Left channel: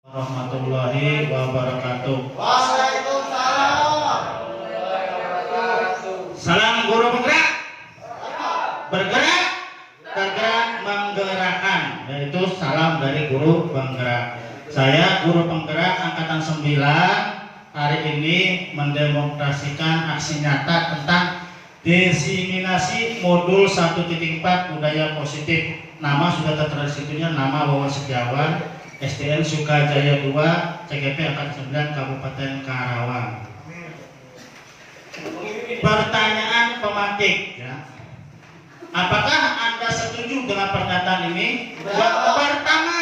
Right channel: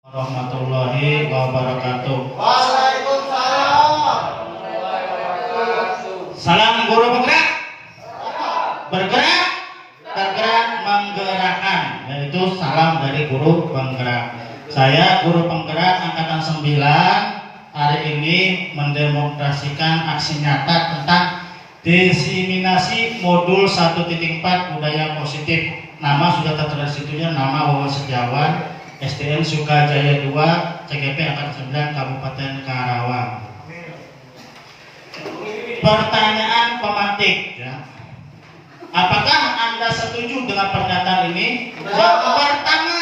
Warahmatullahi wabarakatuh. Waalaikumsalam. Salam guru penggerak. Bergerak, tergerak, menggerakkan. Yaitu salam dari guru penggerak. Saya guru penggerak angkatan 9 hari ini mendemonstrasikan aksi nyata tentang diseminasi modul 1.4 budaya positif. Nama sudah tertera di situnya, nama Wawan Setiawan, SDN Sukajaya 2, CGP angkatan 9 Kabupaten Karawang. Pertanyaan pemantik, ya. Apakah Anda setuju dengan pernyataan ini? Yang pertama,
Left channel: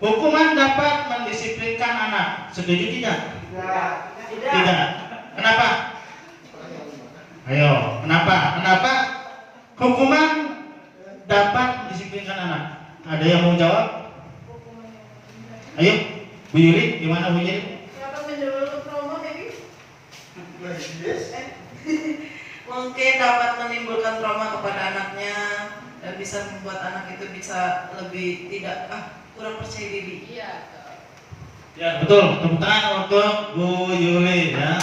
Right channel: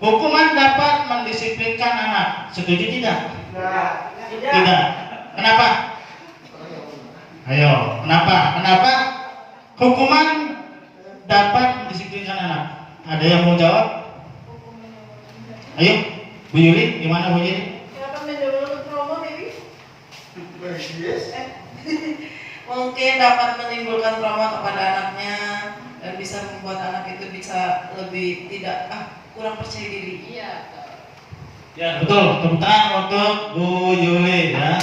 hukuman dapat mendisiplinkan anak. Setuju tidak? Tidak. Kenapa? Ayo, kenapa? Kenapa hukuman dapat mendisiplinkan anak? Ada yang mau jawab? Ayo, Bu Yuli, gimana Bu Yuli? Dapat menimbulkan trauma, baby? Mungkin dapat menimbulkan trauma kepada anaknya dan bisa membuat anak itu bisa lebih kurang percaya diri. Iya. Ya betul, tepuk tangan untuk Bu Yuli ya.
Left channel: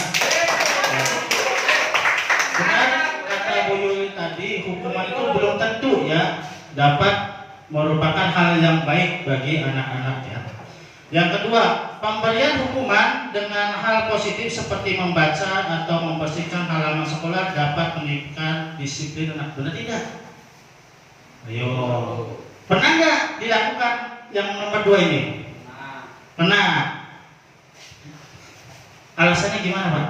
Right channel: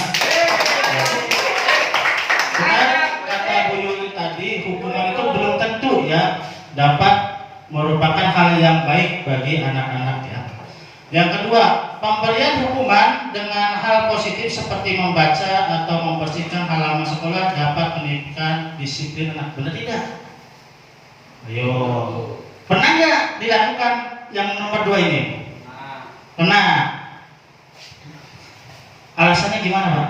Benar kata Bu Yuli tadi, hukuman itu belum tentu ya dapat merupakan hal yang baik bagi anak-anak ya. Yang kedua, pemberian hukuman dengan hal positif seperti membaca atau membersihkan halaman sekolah dapat meningkatkan disiplin anak. Benar tidak? Ayo, pernah nggak dilakukan yang nomor 2 ini? Pernah. Alasannya gimana Pak?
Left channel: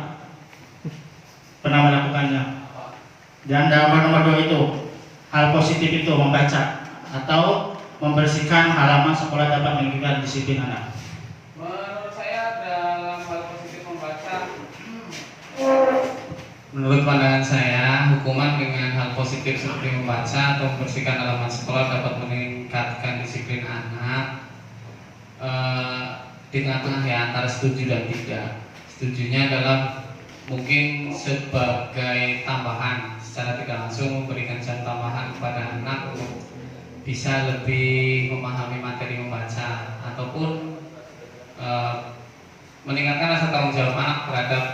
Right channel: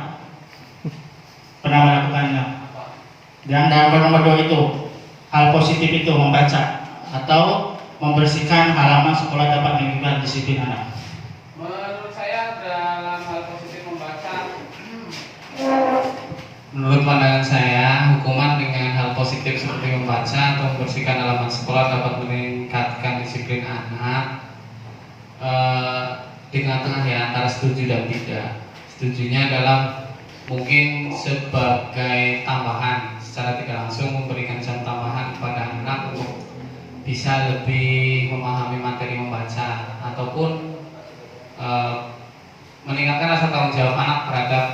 Pernah melakukannya? Yang nomor 2 itu, hal positif itu membaca atau membersihkan halaman sekolah dapat meningkatkan disiplin anak. Menurut saya dalam hal positif membaca, menurut pandangan saya, hukuman dengan hal positif seperti membaca atau membersihkan halaman sekolah dapat meningkatkan disiplin anak. Di tengah-tengah ya antara setuju dan tidak. Setujunya adalah mungkin sebagai tambahan, secara tidak langsung memberikan jam tambahan kepada anak untuk bisa lebih memahami materi membaca ataupun meningkatkan rasa tanggung jawab anak terhadap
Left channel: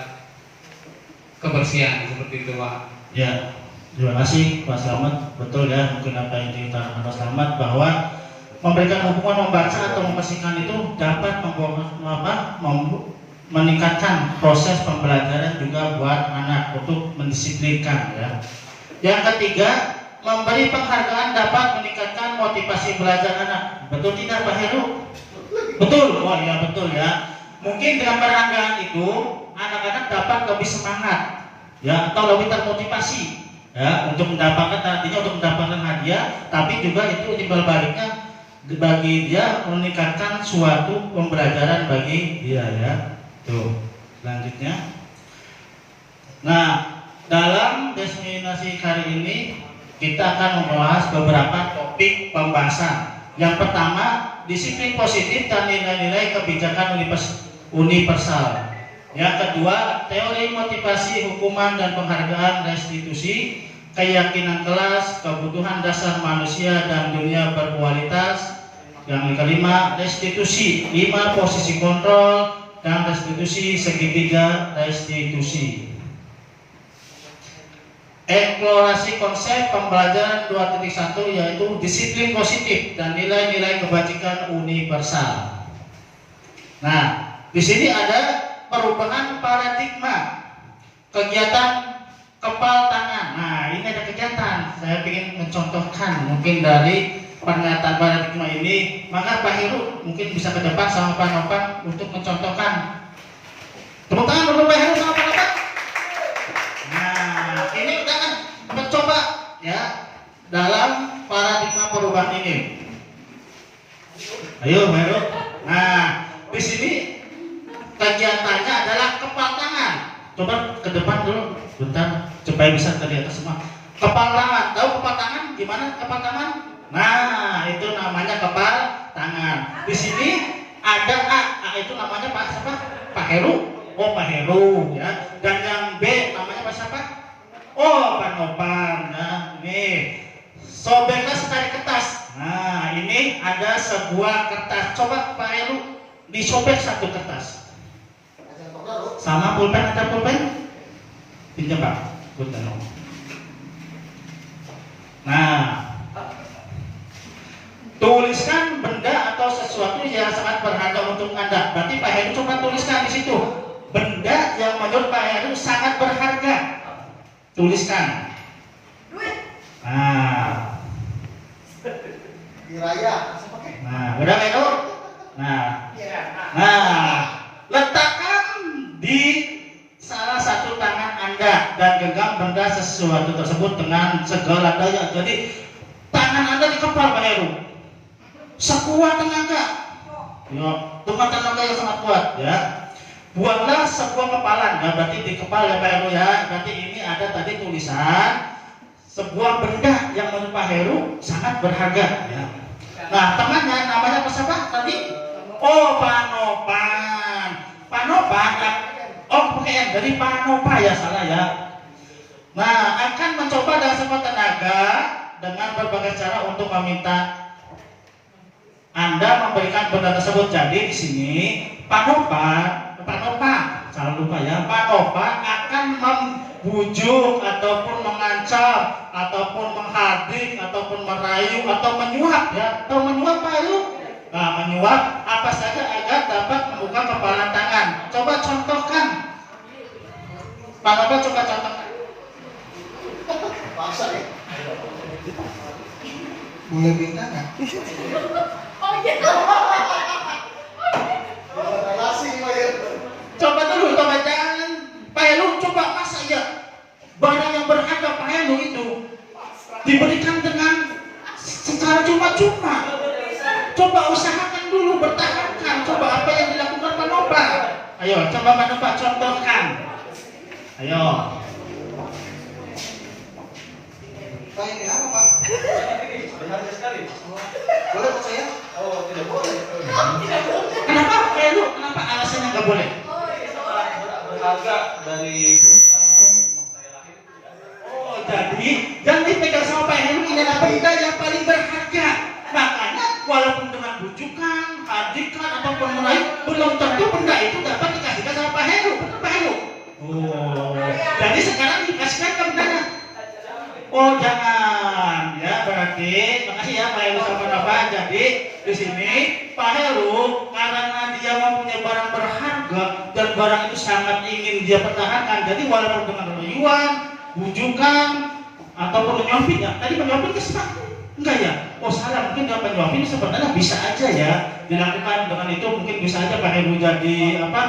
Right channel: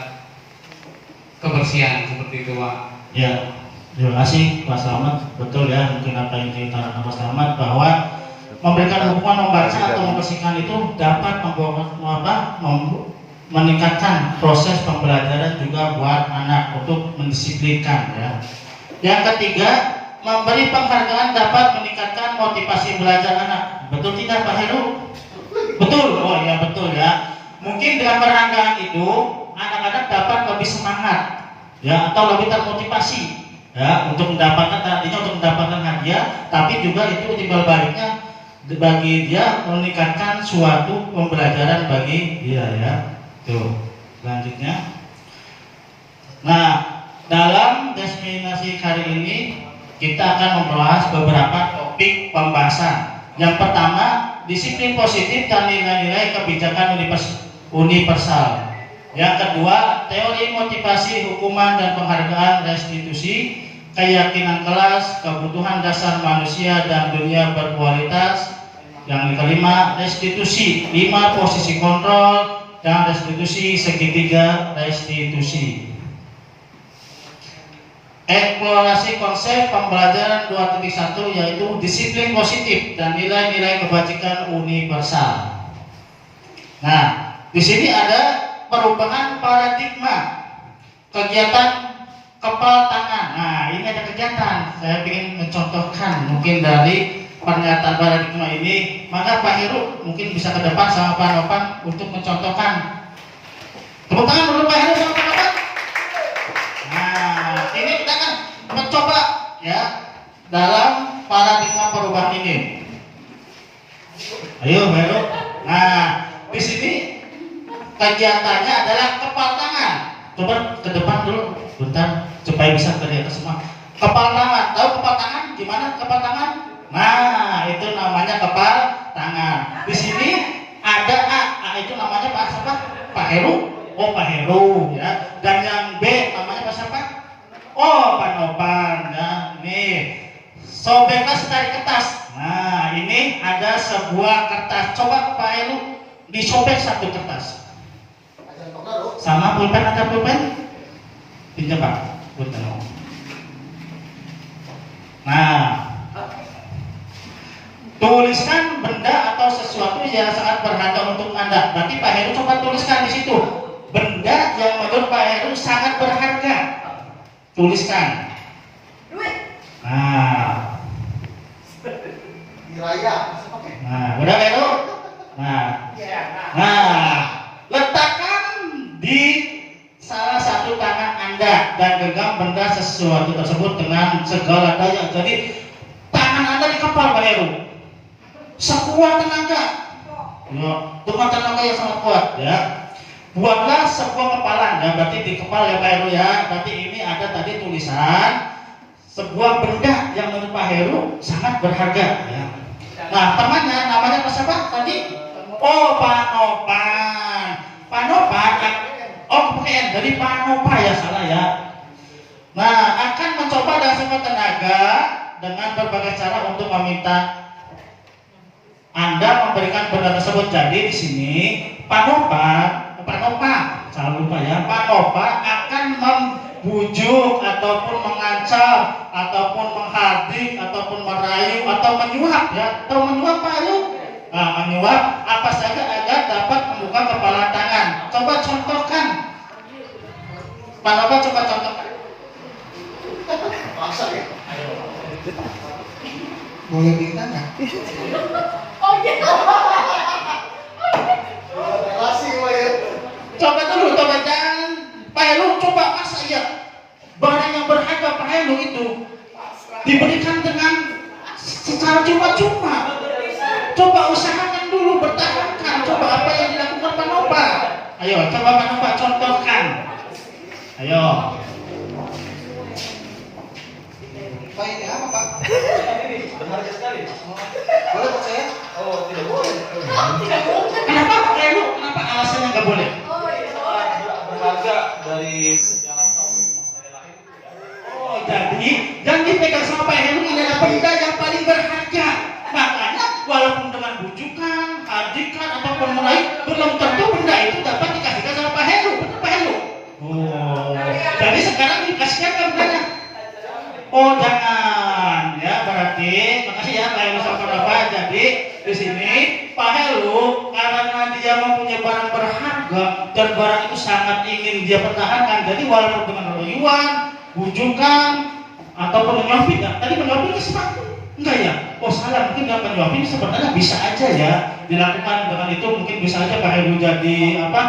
kebersihan seperti itu Pak. Ya, terima kasih Pak Slamet. Betul ya, mungkin apa yang ditanyakan Pak Slamet bahwa memberikan hukuman membaca atau membersihkan itu dapat meningkatkan proses pembelajaran juga buat anak untuk mendisiplinkan ya. Yang ketiga, memberi penghargaan dapat meningkatkan motivasi belajar anak. Betul tidak Pak Heru? Betul. Oh ya betul ya. Mungkin dengan penghargaan itu anak-anak dapat lebih semangat ya atau lebih termotivasi ya untuk mendapatkan hadiah, tapi juga itu timbal baliknya bagi dia meningkatkan suatu pembelajaran bagi dia ya. Tuh, selanjutnya. Nah, dalam diseminasi hari ini kita akan membahas beberapa topik pembahasan. Yang pertama, disiplin positif dan nilai-nilai kebijakan universal. Yang kedua, teori motivasi, hukuman dan penghargaan restitusi, keyakinan kelas, kebutuhan dasar manusia dan dunia berkualitas. Yang kelima, restitusi, 5 posisi kontrol dan restitusi segitiga restitusi. Eksplorasi konsep pembelajaran 2.1 yaitu disiplin positif dan nilai-nilai kebajikan universal. Nah, di sini ada perubahan paradigma kegiatan kepal tangan. Nah, ini ada kegiatan. Saya ingin mencontohkan mungkin dari pernyataan paradigma ini. Maka Pak Heru mungkin bisa ke depan sama Pak Novan untuk mencontohkan. Tepuk tangan untuk Pak Heru sama Pak Novan. Nah, ini kita akan mencoba ya dalam paradigma perubahan ini. Ayo, Heru. Nah, di sini kegiatannya adalah kepal tangan. Coba ke depan dulu, bentar, supaya bisa terlihat semua. Kepal tangan, tahu kepal tangan? Gimana kepal tangan? Nah, itu namanya kepal tangan. Di sini ada A itu namanya Pak siapa? Pak Heru. Oh, Pak Heru ya. Dan yang B namanya Pak siapa? Oh, Pak Novan. Nah, nih. Sobeklah secari kertas. Nah, Nah, ini ada sebuah kertas. Coba Pak Heru disobek satu kertas. Sama pulpen, ada pulpen? Pinjam Pak, pulpen. Nah, tuliskan benda atau sesuatu yang sangat berharga untuk Anda. Berarti Pak Heru coba tuliskan di situ. Benda yang menurut Pak Heru sangat berharga. Tuliskan. Nah, udah Pak Heru? Nah, letakkan di salah satu tangan Anda dan genggam benda sesuatu tersebut dengan segala daya. Jadi tangan Anda dikepal Pak Heru. Sekuat tenaga. Ya, dengan tenaga yang sangat kuat ya. Buatlah sebuah kepalan ya, berarti di kepala ya Pak Heru ya. Berarti ini ada tadi tulisan sebuah benda yang menurut Pak Heru sangat berharga ya. Nah, temannya namanya apa siapa tadi? Oh, Panopan. Panopan ya. Oh, bukan dari Panopa ya, salah ya. Nah, akan mencoba dengan sekuat tenaga dengan berbagai cara untuk meminta Anda memberikan benda tersebut. Jadi di sini Panopa, jangan lupa ya, Panopa akan membujuk ataupun mengancam ataupun menghadik ataupun merayu atau menyuap ya, atau menyuap Pak Heru. Nah, menyuap apa saja agar dapat membuka kepala tangan. Coba contohkan. Panopa coba contohkan. Masa ya? Boleh bintang ya? Oh iya. Relasi ya. Coba dulu, coba jangan Pak Heru coba masa ya barang yang berharga Pak Heru itu diberikan dengan secara cuma-cuma. Coba usahakan dulu, bertahankan. Coba apa yang dilakukan Panopa. Ayo, coba Panopa contohkan. Ayo. Pak ini apa Pak? Berharga sekali. Boleh Pak saya? Oh, tidak boleh. Kenapa Pak Heru? Kenapa alasannya nggak boleh? Berharga dari Oh, jadi yang dipegang sama Pak Heru ini adalah benda yang paling berharga. Makanya walaupun dengan bujukan, hadikan ataupun meraih, belum tentu benda itu dapat dikasihkan sama Pak Heru. Benar Pak Heru? Oh, jadi sekarang dikasihkan ke bendanya. Oh jangan, ya berarti makasih ya Pak Heru sama Bapak. Jadi di sini Pak Heru karena dia mempunyai barang berharga dan barang itu sangat ingin dia pertahankan. Jadi walaupun dengan rayuan, bujukan ataupun menyuapin ya. Tadi menyuapin ke sepatu enggak ya? Oh salah, mungkin dia menyuapin sebenarnya bisa aja ya dilakukan dengan itu. Mungkin bisa aja Pak Heru jadi apa?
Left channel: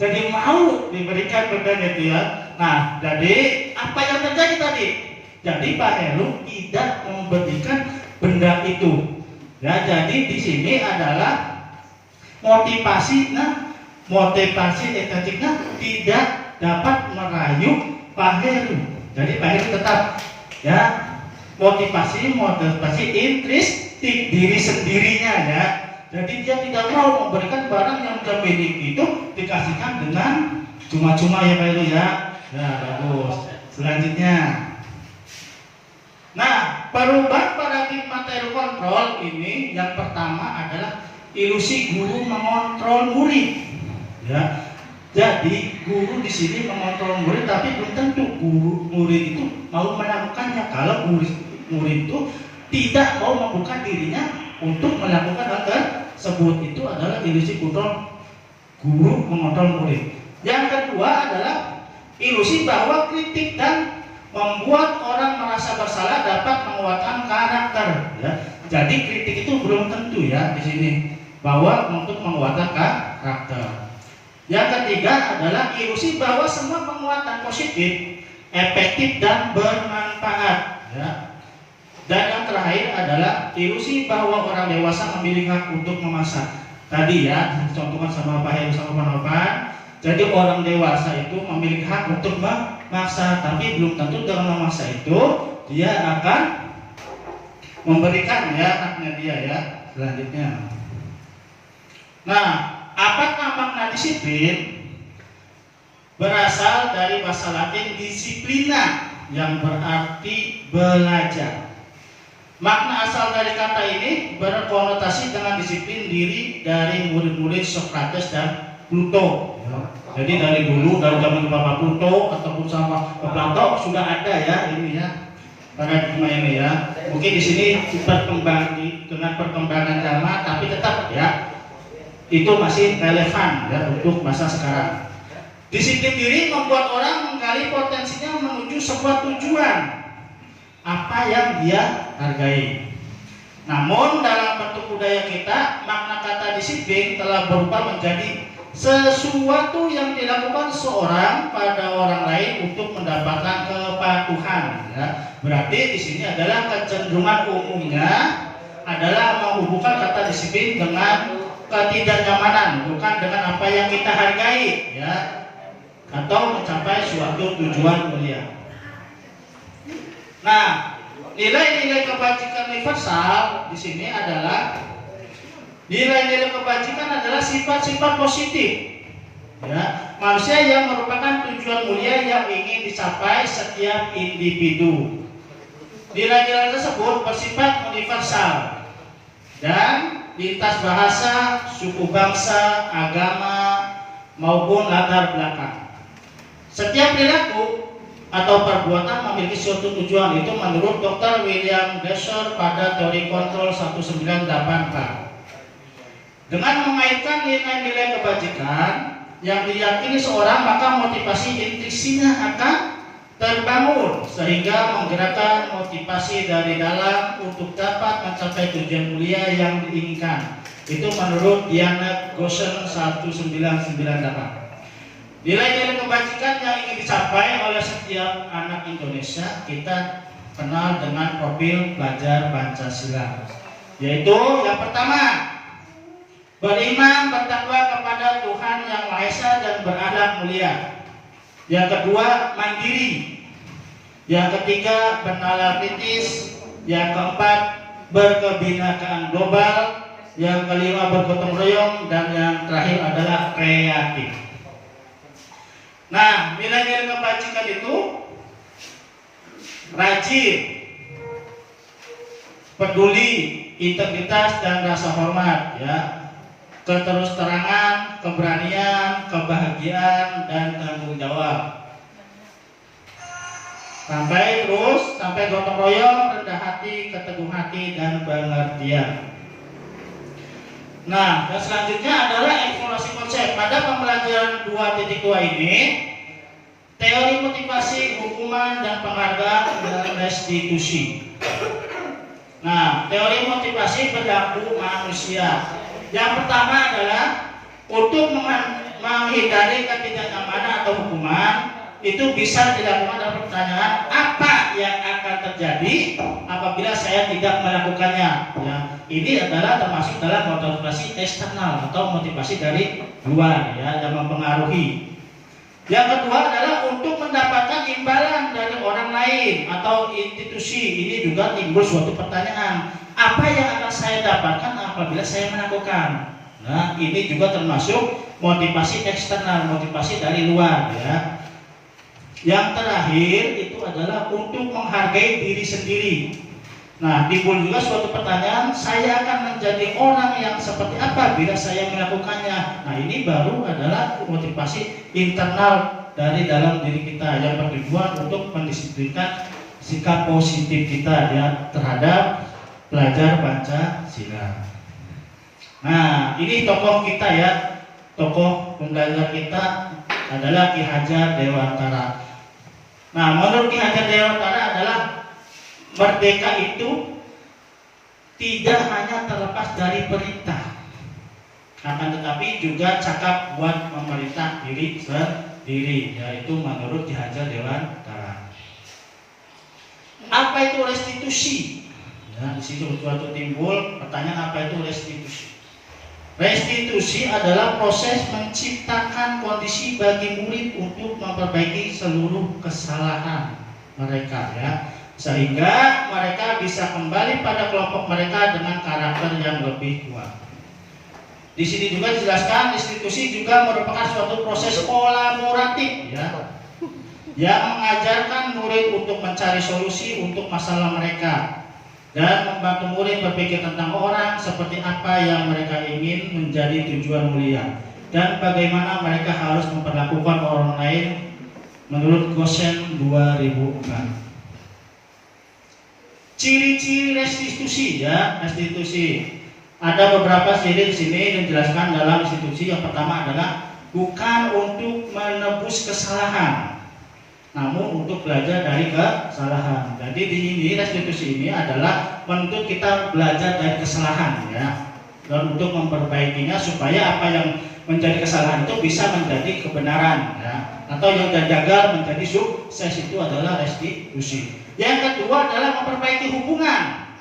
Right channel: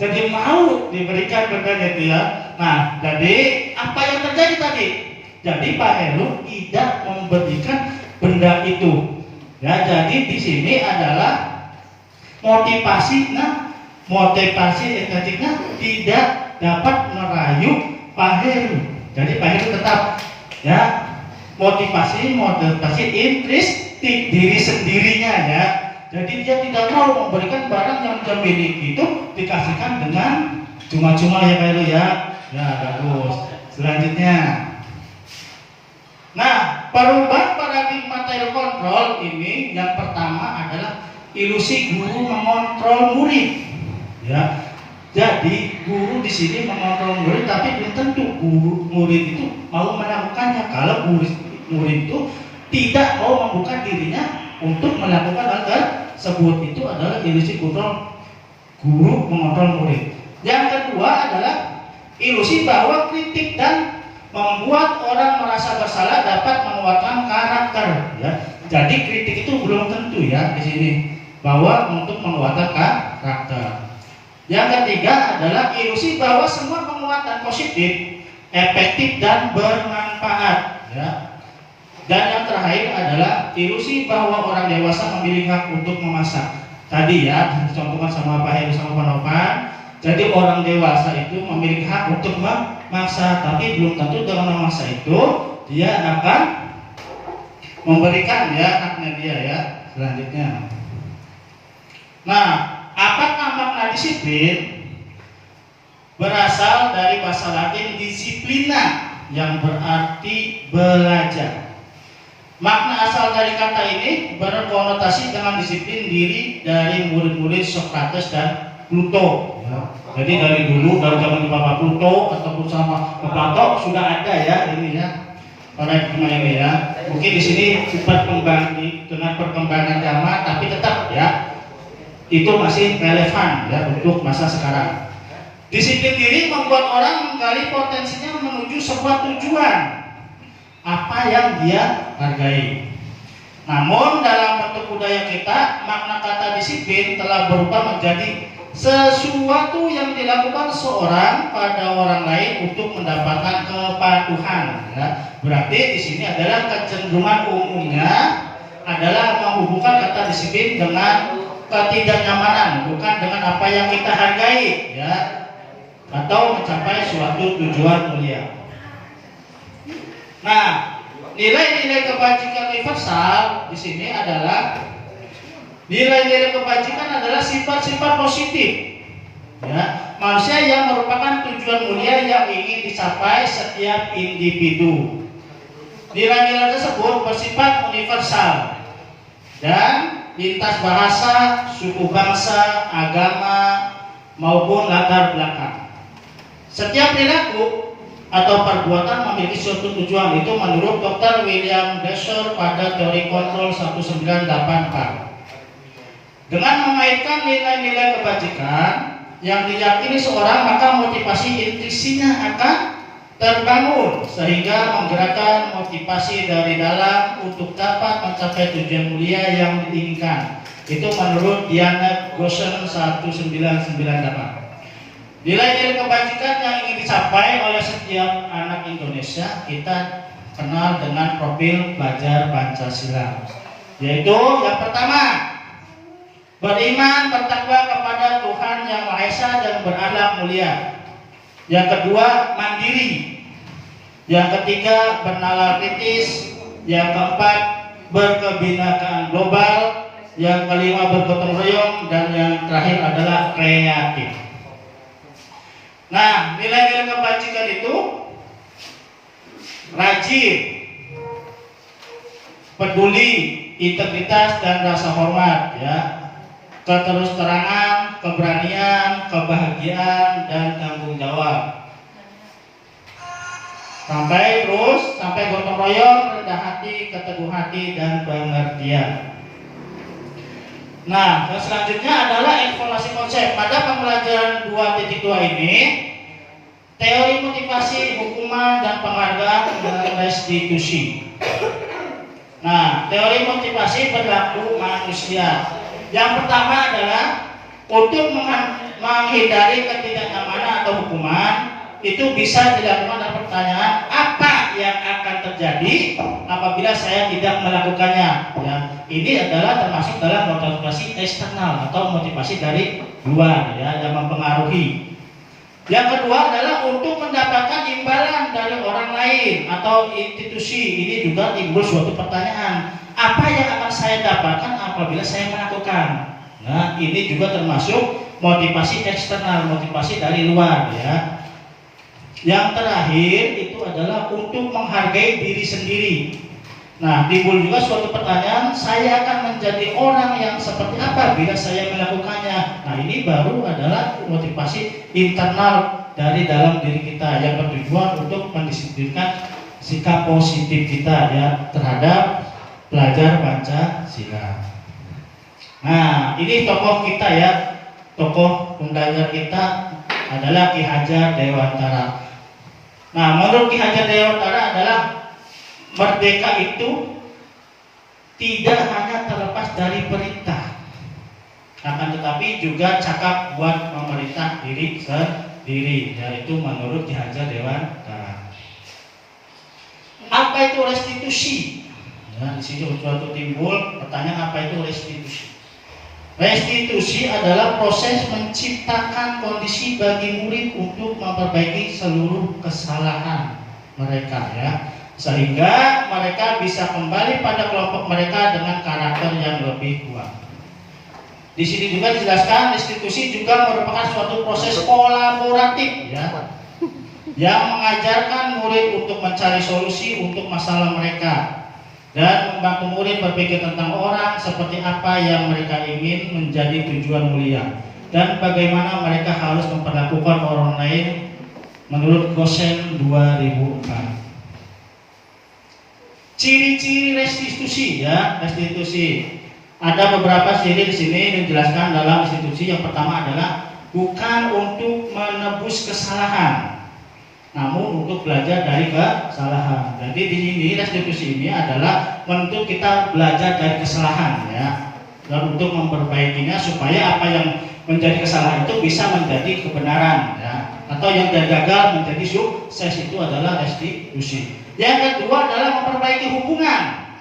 Jadi mau diberikan bendanya itu ya. Nah, jadi apa yang terjadi tadi? Jadi Pak Heru tidak memberikan benda itu. Ya, jadi di sini adalah motivasinya estetiknya tidak dapat merayu Pak Heru. Jadi Pak Heru tetap ya motivasi intristik diri sendirinya ya. Jadi dia tidak mau memberikan barang yang dia miliki itu dikasihkan dengan cuma-cuma ya Pak Heru ya. Ya bagus. Selanjutnya. Nah, perubahan paradigma Taylor kontrol ini yang pertama adalah ilusi guru mengontrol murid. Ya, jadi guru di sini mengontrol murid, tapi belum tentu guru murid itu mau melakukannya. Kalau murid itu tidak mau membuka dirinya untuk melakukan hal tersebut, itu adalah ilusi kontrol guru mengontrol murid. Yang kedua adalah ilusi bahwa kritik dan membuat orang merasa bersalah dapat menguatkan karakter. Ya. Jadi kritik itu belum tentu ya di sini bahwa untuk menguatkan karakter. Yang ketiga adalah ilusi bahwa semua penguatan positif, efektif dan bermanfaat. Ya. Dan yang terakhir adalah ilusi bahwa orang dewasa memiliki hak untuk memasak. Tadi ya dicontohkan sama Pak Heru sama Pak Nopan. Jadi orang dewasa itu memiliki hak untuk memaksa, tapi belum tentu dengan memaksa itu dia akan memberikan ya haknya dia ya. Selanjutnya. Nah, apakah makna disiplin? Berasal dari bahasa Latin disciplina yang berarti belajar. Makna asal dari kata ini berkonotasi dengan disiplin diri dari murid-murid Socrates dan Plato. Ya. Jadi dari dulu, dari zaman Bapak Plato ataupun sama Plato sudah ada ya ini ya paradigma ini ya. Mungkin di sini berkembang dengan perkembangan zaman, tapi tetap ya itu masih relevan ya untuk masa sekarang. Disiplin diri membuat orang menggali potensinya menuju sebuah tujuan apa yang dia hargai. Namun dalam bentuk budaya kita, makna kata disiplin telah berubah menjadi sesuatu yang dilakukan seorang pada orang lain untuk mendapatkan kepatuhan. Ya. Berarti di sini adalah kecenderungan umumnya adalah menghubungkan kata disiplin dengan ketidaknyamanan, bukan dengan apa yang kita hargai, ya, atau mencapai suatu tujuan mulia. Nah, nilai-nilai kebajikan universal di sini adalah nilai-nilai kebajikan adalah sifat-sifat positif. Ya, manusia yang merupakan tujuan mulia yang ingin dicapai setiap individu. Nilai-nilai tersebut bersifat universal dan lintas bahasa, suku bangsa, agama maupun latar belakang. Setiap perilaku atau perbuatan memiliki suatu tujuan, itu menurut Dr. William Glasser pada teori kontrol 198K. Dengan mengaitkan nilai-nilai kebajikan yang diyakini seorang, maka motivasi intrisinya akan terbangun sehingga menggerakkan motivasi dari dalam untuk dapat mencapai tujuan mulia yang diinginkan. Itu menurut Diana Gosen 1998. Nilai-nilai kebajikan yang ingin dicapai oleh setiap anak Indonesia kita kenal dengan profil pelajar Pancasila, yaitu yang pertama, beriman bertakwa kepada Tuhan Yang Maha Esa dan berakhlak mulia. Yang kedua, mandiri. Yang ketiga, bernalar kritis. Yang keempat, berkebinekaan global. Yang kelima, bergotong royong. Dan yang terakhir adalah kreatif. Nah, nilai-nilai kebajikan itu rajin, peduli, integritas dan rasa hormat, ya, keterus-terangan, keberanian, kebahagiaan dan tanggung jawab. Sampai gotong royong, rendah hati, keteguh hati dan pengertian. Nah, yang selanjutnya adalah informasi konsep. Pada pembelajaran 2.2 ini, teori motivasi, hukuman dan penghargaan dan restitusi. Nah, teori motivasi berlaku manusia. Yang pertama adalah untuk menghindari ketidaknyamanan atau hukuman, itu bisa dilakukan dengan pertanyaan apa yang akan terjadi apabila saya tidak melakukannya. Ya, ini adalah termasuk dalam motivasi eksternal atau motivasi dari luar, ya, yang mempengaruhi. Yang kedua adalah untuk mendapatkan imbalan dari orang lain atau institusi. Ini juga timbul suatu pertanyaan, apa yang akan saya dapatkan apabila saya melakukan. Nah, ini juga termasuk motivasi eksternal, motivasi dari luar, ya. Yang terakhir itu adalah untuk menghargai diri sendiri. Nah, timbul juga suatu pertanyaan, saya akan menjadi orang yang seperti apa bila saya melakukannya. Nah, ini baru adalah motivasi internal dari dalam diri kita yang bertujuan untuk mendisiplinkan sikap positif kita, ya, terhadap pelajar Pancasila. Nah, ini tokoh kita, ya, tokoh pembelajar kita adalah Ki Hajar Dewantara. Nah, menurut Ki Hajar Dewantara adalah merdeka itu tidak hanya terlepas dari perintah, akan tetapi juga cakap buat memerintah diri sendiri, yaitu menurut Ki Hajar Dewantara. Apa itu restitusi? Nah, di sini suatu timbul pertanyaan, apa itu restitusi? Restitusi adalah proses menciptakan kondisi bagi murid untuk memperbaiki seluruh kesalahan mereka, ya, sehingga mereka bisa kembali pada kelompok mereka dengan karakter yang lebih kuat. Di sini juga dijelaskan restitusi juga merupakan suatu proses kolaboratif, ya, yang mengajarkan murid untuk mencari solusi untuk masalah mereka. dan membantu murid berpikir tentang orang seperti apa yang mereka ingin menjadi tujuan mulia dan bagaimana mereka harus memperlakukan orang lain menurut Gosen 2004. Ciri-ciri restitusi ya, restitusi. Ada beberapa ciri di sini dijelaskan dalam restitusi. Yang pertama adalah bukan untuk menebus kesalahan, namun untuk belajar dari kesalahan. Jadi di sini restitusi ini adalah menuntut kita belajar dari kesalahan ya, dan untuk memperbaikinya supaya apa yang menjadi kesalahan itu bisa menjadi kebenaran ya, atau yang gagal menjadi sukses. Itu adalah restitusi. Yang kedua adalah memperbaiki hubungan.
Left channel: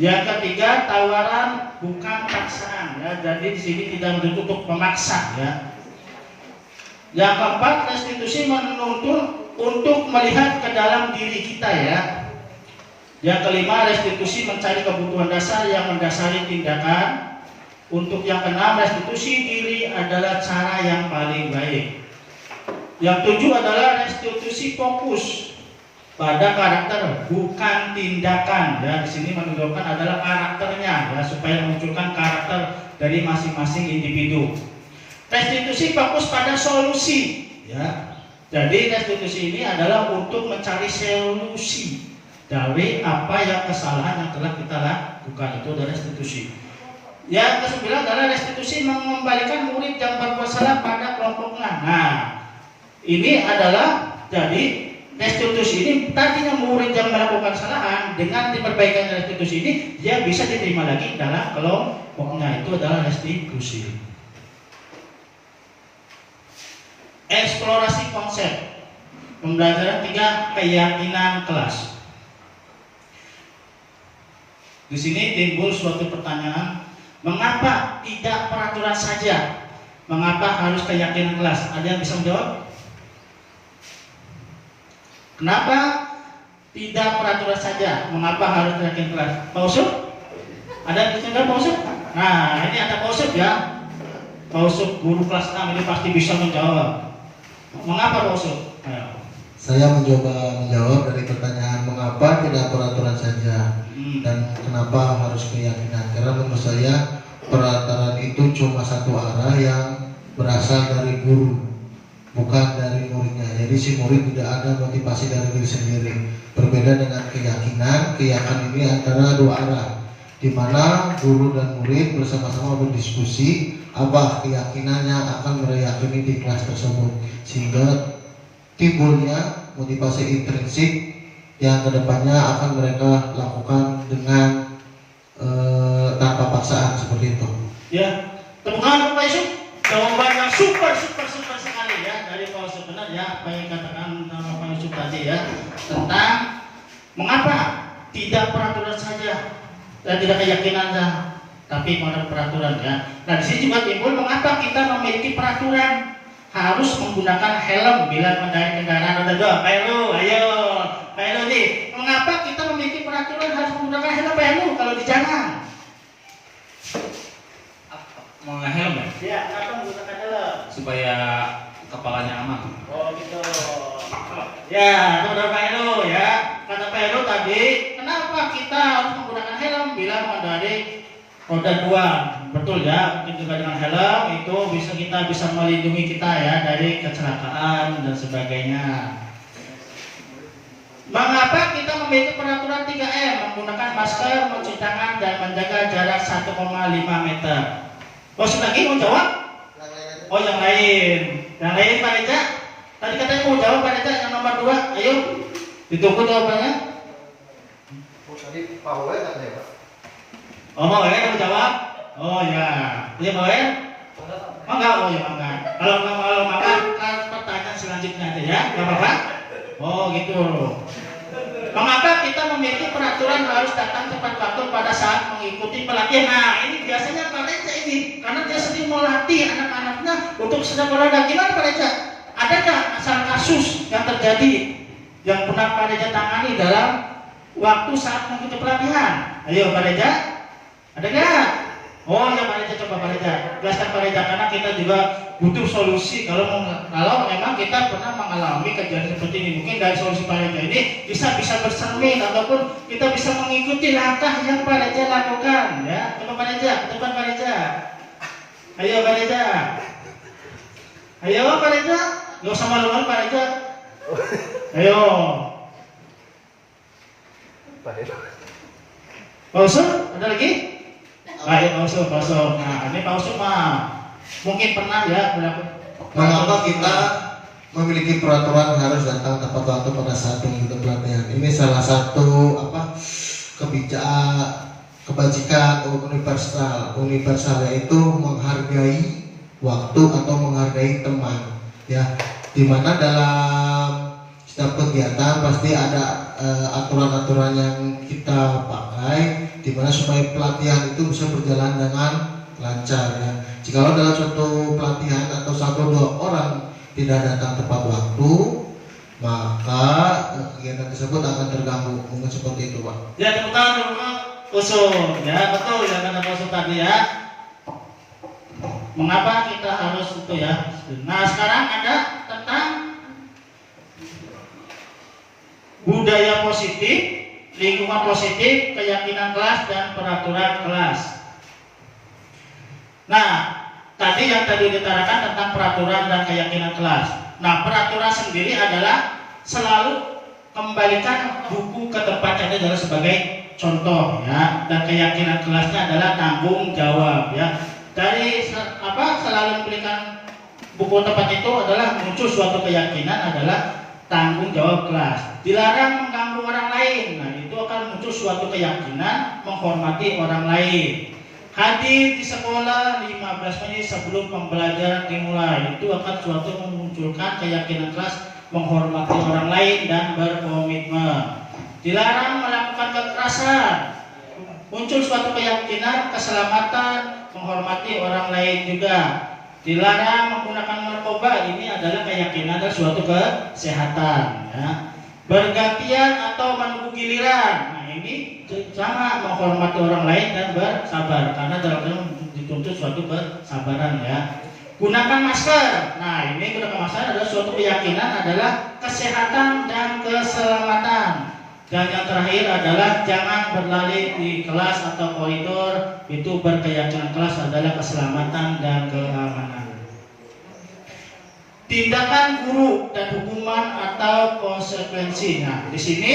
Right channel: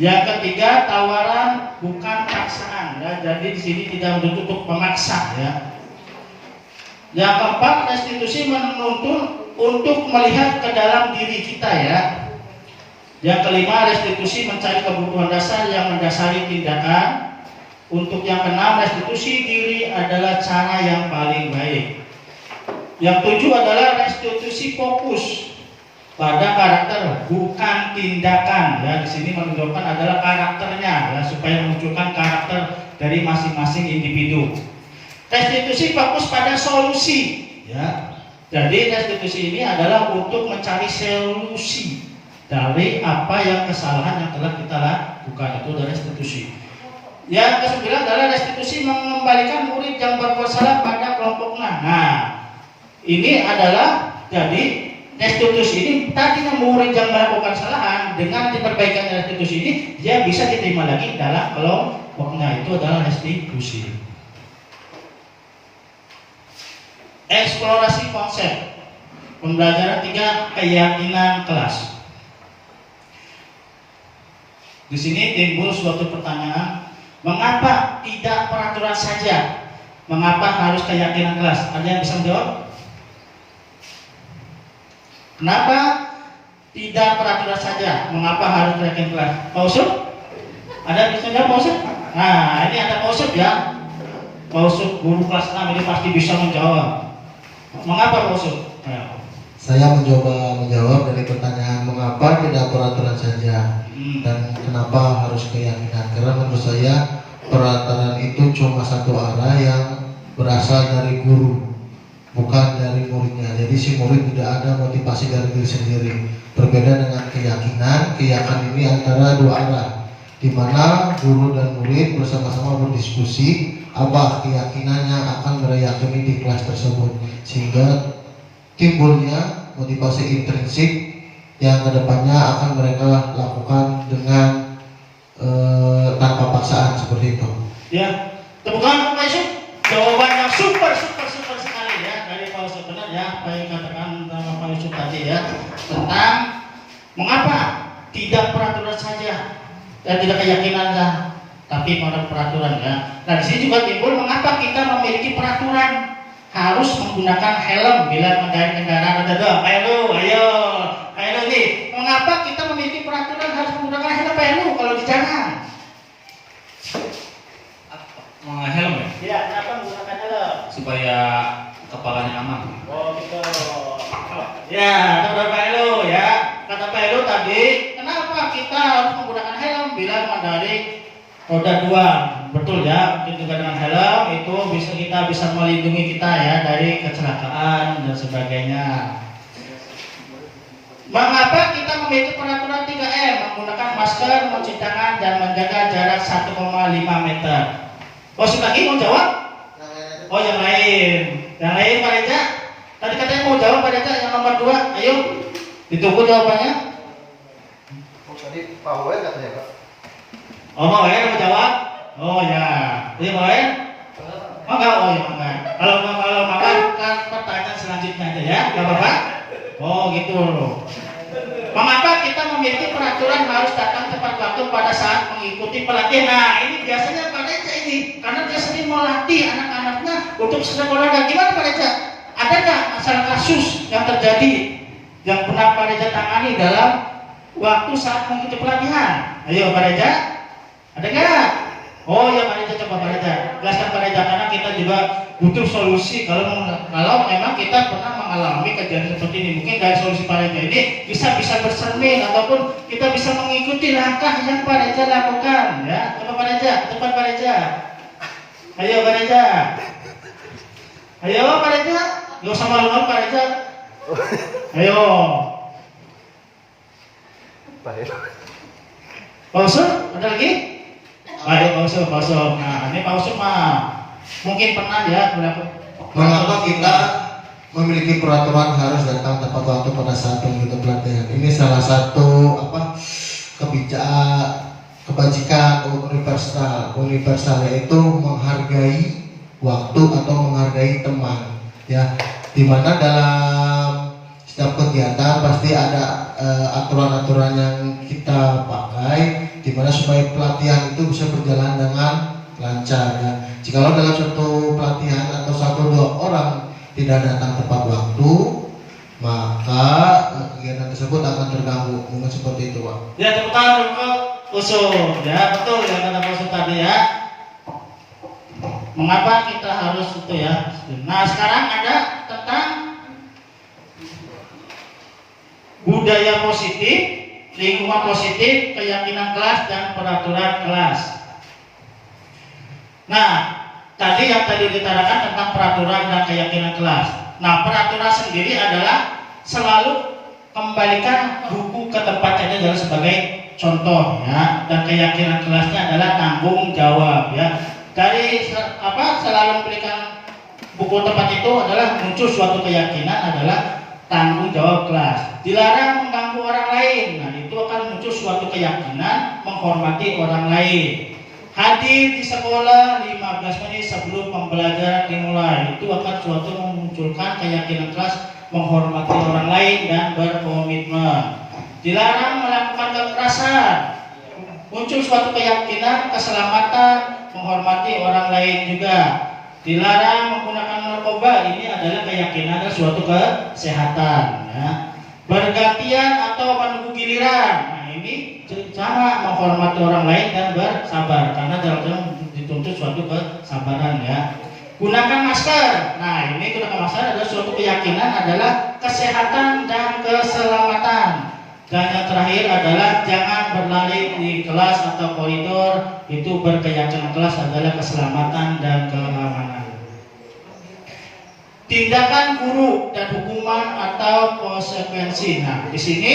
Yang ketiga tawaran bukan paksaan ya, jadi di sini tidak menuntut untuk memaksa ya. Yang keempat, restitusi menuntut untuk melihat ke dalam diri kita ya. Yang kelima, restitusi mencari kebutuhan dasar yang mendasari tindakan. Untuk yang keenam, restitusi diri adalah cara yang paling baik. Yang tujuh adalah restitusi fokus pada karakter bukan tindakan ya. Di sini menunjukkan adalah karakternya ya, supaya memunculkan karakter dari masing-masing individu. Restitusi fokus pada solusi ya. Jadi restitusi ini adalah untuk mencari solusi dari apa yang kesalahan yang telah kita lakukan. Itu adalah restitusi. Yang kesembilan adalah restitusi mengembalikan murid yang berbuat salah pada kelompoknya. Nah, ini adalah jadi restitusi ini tadinya murid yang melakukan kesalahan, dengan diperbaikan restitusi ini dia bisa diterima lagi dalam kelompoknya. Itu adalah restitusi. Eksplorasi konsep. Pembelajaran 3, keyakinan kelas. Di sini timbul suatu pertanyaan, mengapa tidak peraturan saja? Mengapa harus keyakinan kelas? Ada yang bisa menjawab? Kenapa tidak peraturan saja? Mengapa harus keyakinan kelas? Pak Usut? Ada yang bisa menjawab Pak Usut? Nah, ini ada Pak Usut ya. Pak Usut guru kelas 6 ini pasti bisa menjawab. Mengapa Pak Usut? Nah. Saya mencoba menjawab dari pertanyaan mengapa tidak peraturan saja dan kenapa harus keyakinan. Karena menurut saya peraturan itu cuma satu arah yang berasal dari guru, bukan dari muridnya. Jadi si murid tidak ada motivasi dari diri sendiri. Berbeda dengan keyakinan, keyakinan ini antara dua arah, di mana guru dan murid bersama-sama berdiskusi apa keyakinannya akan meyakini di kelas tersebut, sehingga timbulnya motivasi intrinsik yang kedepannya akan mereka lakukan dengan tanpa paksaan seperti itu. Ya, tepuk tangan Pak Yusuf. Jawaban yang super sekali ya dari Pak Yusuf. Benar ya apa yang dikatakan Pak Yusuf tadi ya, tentang mengapa tidak peraturan saja dan tidak keyakinan saja, tapi pada peraturan ya. Nah di sini juga timbul mengapa kita memiliki peraturan harus menggunakan helm bila mengendarai kendaraan. Ada dong, ayo nih. Mengapa kita memiliki peraturan harus menggunakan helm kalau di jalan? Helm ya? Iya, kenapa menggunakan helm? Supaya kepalanya aman. Oh gitu. Ya, kata Pak Elo ya. Kata Pak Elo tadi, kenapa kita harus menggunakan helm bila mengendarai roda 2? Betul ya, mungkin juga dengan helm itu kita bisa melindungi kita ya dari kecelakaan dan sebagainya. Mengapa kita memiliki peraturan 3M? Menggunakan masker, mencuci tangan, dan menjaga jarak 1,5 meter. Oh, sudah lagi mau jawab? Oh, yang lain. Yang lain Pak Reja? Tadi katanya mau jawab Pak Reja yang nomor 2. Ayo, ditunggu jawabannya. Tadi Pak Wawan katanya Pak. Oh, Pak Wawan mau jawab? Oh ya, iya Pak Wawan? Oh enggak, oh ya enggak. Kalau makan kan pertanyaan selanjutnya aja ya, enggak apa-apa? Oh gitu. Mengapa kita memiliki peraturan harus datang tepat waktu pada saat mengikuti pelatihan? Nah ini biasanya Pak Reja ini, karena dia sering melatih anak-anaknya untuk sedang olahraga. Gimana Pak Reja? Adakah asal kasus yang terjadi yang pernah Pak Reja tangani dalam waktu saat mengikuti pelatihan? Ayo Pak Reja, ada nggak? Oh ya Pak Reza, coba Pak Reza jelaskan Pak Reza, karena kita juga butuh solusi kalau memang kita pernah mengalami kejadian seperti ini. Mungkin dari solusi Pak Reza ini bisa bercermin ataupun kita bisa mengikuti langkah yang Pak Reza lakukan ya. Coba Pak Reza, depan Pak Reza. Ayo Pak Reza. Ayo Pak Reza, gak usah malu-malu Pak Reza. Ayo. Pak Usul, ada lagi? Ayo Pak Usul. Nah ini Pak Usul mah mungkin pernah ya Mengapa kita memiliki peraturan harus datang tepat waktu pada saat mengikuti pelatihan? Ini salah satu kebajikan universal. Universal yaitu menghargai waktu atau menghargai teman, ya. Dimana dalam setiap kegiatan pasti ada aturan-aturan yang kita pakai, dimana supaya pelatihan itu bisa berjalan dengan lancar, ya. Jikalau dalam suatu pelatihan atau 1-2 orang tidak datang tepat waktu, maka kegiatan tersebut akan terganggu. Mungkin seperti itu, Pak. Ya, tepuk tangan dulu Pak Usul. Ya, betul ya kata Pak Usul tadi ya. Mengapa kita harus itu ya? Nah, sekarang ada tentang budaya positif, lingkungan positif, keyakinan kelas dan peraturan kelas. Nah, tadi yang ditarakan tentang peraturan dan keyakinan kelas. Nah, peraturan sendiri adalah selalu kembalikan buku ke tempatnya adalah sebagai contoh ya, dan keyakinan kelasnya adalah tanggung jawab ya. Dari selalu memberikan buku tempat itu adalah muncul suatu keyakinan adalah tanggung jawab kelas. Dilarang mengganggu orang lain. Nah, itu akan muncul suatu keyakinan menghormati orang lain. Hadir di sekolah 15 menit sebelum pembelajaran dimulai. Itu akan suatu memunculkan keyakinan kelas menghormati orang lain dan berkomitmen. Dilarang melakukan kekerasan. Muncul suatu keyakinan keselamatan, menghormati orang lain juga. Dilarang menggunakan narkoba. Ini adalah keyakinan dan suatu kesehatan ya. Bergantian atau menunggu giliran. Nah, ini sama menghormati orang lain dan bersabar, karena dalam dituntut suatu kesabaran ya. Gunakan masker. Nah, ini gunakan masker adalah suatu keyakinan adalah kesehatan dan keselamatan. Dan yang terakhir adalah jangan berlari di kelas atau koridor. Itu berkeyakinan kelas adalah keselamatan dan keamanan. Tindakan guru dan hukuman atau konsekuensi. Nah, di sini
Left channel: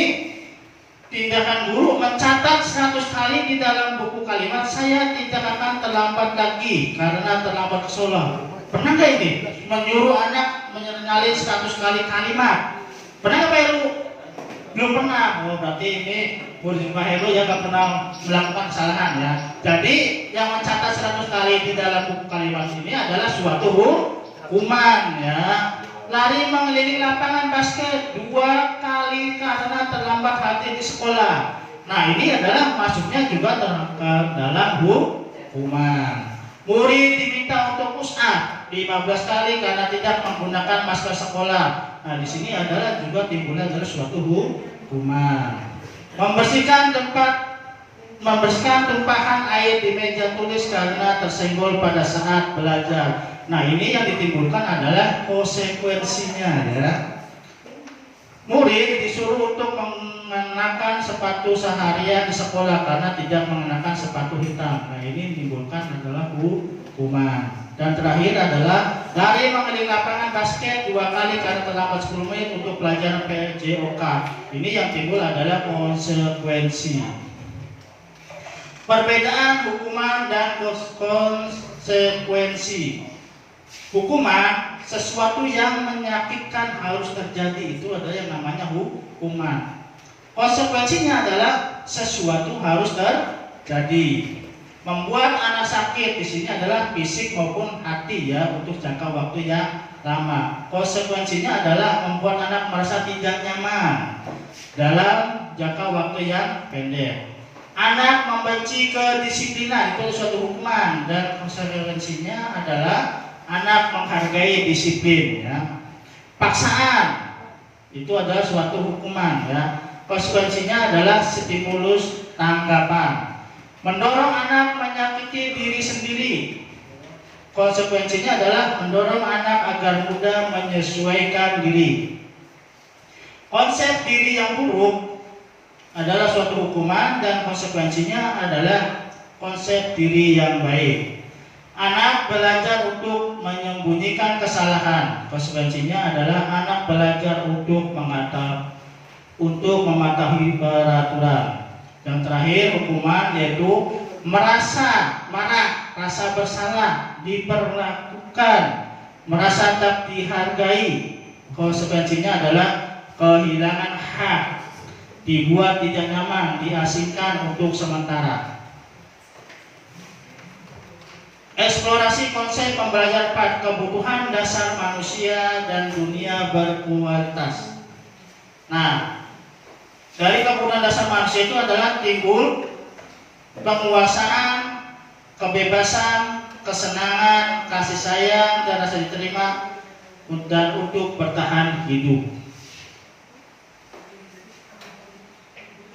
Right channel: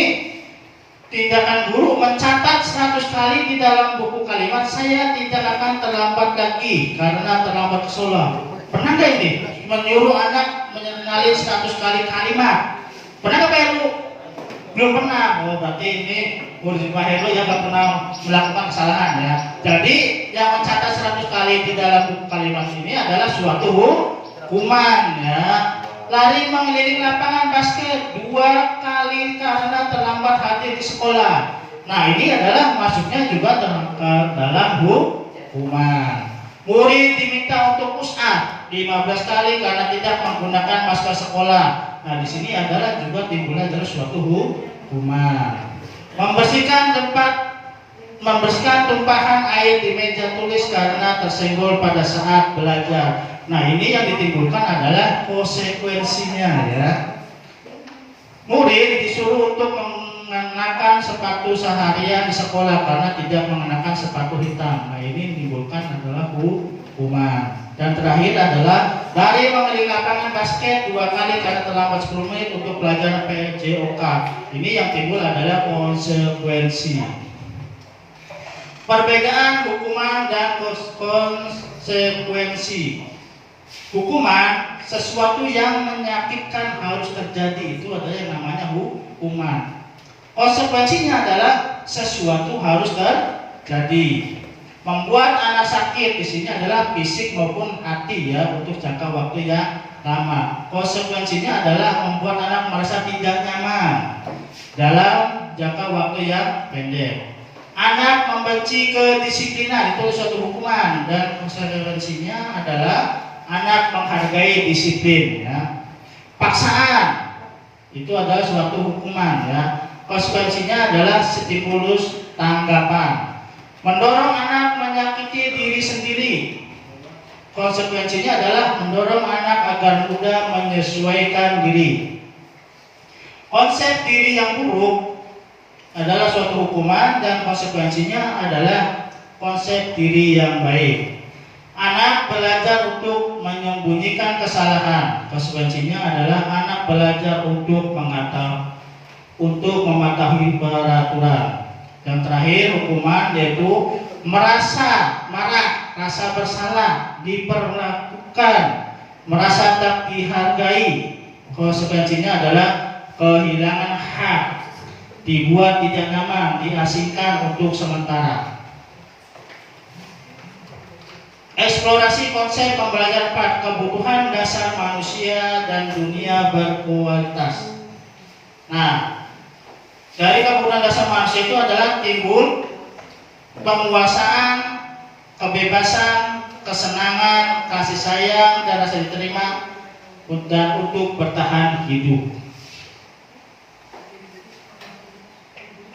tindakan guru mencatat 100 kali di dalam buku kalimat, saya tidak akan terlambat lagi karena terlambat ke sekolah. Pernah nggak ini menyuruh anak menyalin 100 kali kalimat? Pernah nggak Pak Heru? Belum pernah. Oh, berarti ini murid Pak Heru yang nggak pernah melakukan kesalahan ya. Jadi yang mencatat 100 kali di dalam buku kalimat ini adalah suatu hukuman ya. Lari mengelilingi lapangan basket 2 kali karena terlambat hadir di sekolah. Nah, ini adalah masuknya juga dalam hukuman. Murid diminta untuk push up 15 kali karena tidak menggunakan masker sekolah. Nah, di sini adalah juga timbulnya adalah suatu hukuman. Membersihkan tumpahan air di meja tulis karena tersenggol pada saat belajar. Nah, ini yang ditimbulkan adalah konsekuensinya ya. Murid disuruh untuk mengenakan sepatu seharian di sekolah karena tidak mengenakan sepatu hitam. Nah, ini ditimbulkan adalah hukuman. Dan terakhir adalah lari mengelilingi lapangan basket 2 kali karena terlambat 10 menit untuk pelajaran PJOK. Ini yang timbul adalah konsekuensi. Perbedaan hukuman dan konsekuensi. Hukuman sesuatu yang menyakitkan harus terjadi, itu adalah yang namanya hukuman. Konsekuensinya adalah sesuatu harus terjadi. Membuat anak sakit di sini adalah fisik maupun hati ya, untuk jangka waktu yang lama. Konsekuensinya adalah membuat anak merasa tidak nyaman dalam jangka waktu yang pendek. Anak membenci kedisiplinan, itu suatu hukuman, dan konsekuensinya adalah anak menghargai disiplin ya. Paksaan itu adalah suatu hukuman ya. Konsekuensinya adalah stimulus tanggapan. Mendorong anak menyakiti diri sendiri. Konsekuensinya adalah mendorong anak agar mudah menyesuaikan diri. Konsep diri yang buruk adalah suatu hukuman dan konsekuensinya adalah konsep diri yang baik. Anak belajar untuk menyembunyikan kesalahan. Konsekuensinya adalah anak belajar untuk mematuhi peraturan. Dan terakhir hukuman yaitu merasa marah, rasa bersalah, diperlakukan, merasa tak dihargai. Konsekuensinya adalah kehilangan hak, dibuat tidak nyaman, diasingkan untuk sementara. Eksplorasi konsep pembelajaran kebutuhan dasar manusia dan dunia berkualitas. Nah, dari kebutuhan dasar manusia itu adalah timbul penguasaan, kebebasan, kesenangan, kasih sayang, dan rasa diterima, dan untuk bertahan hidup.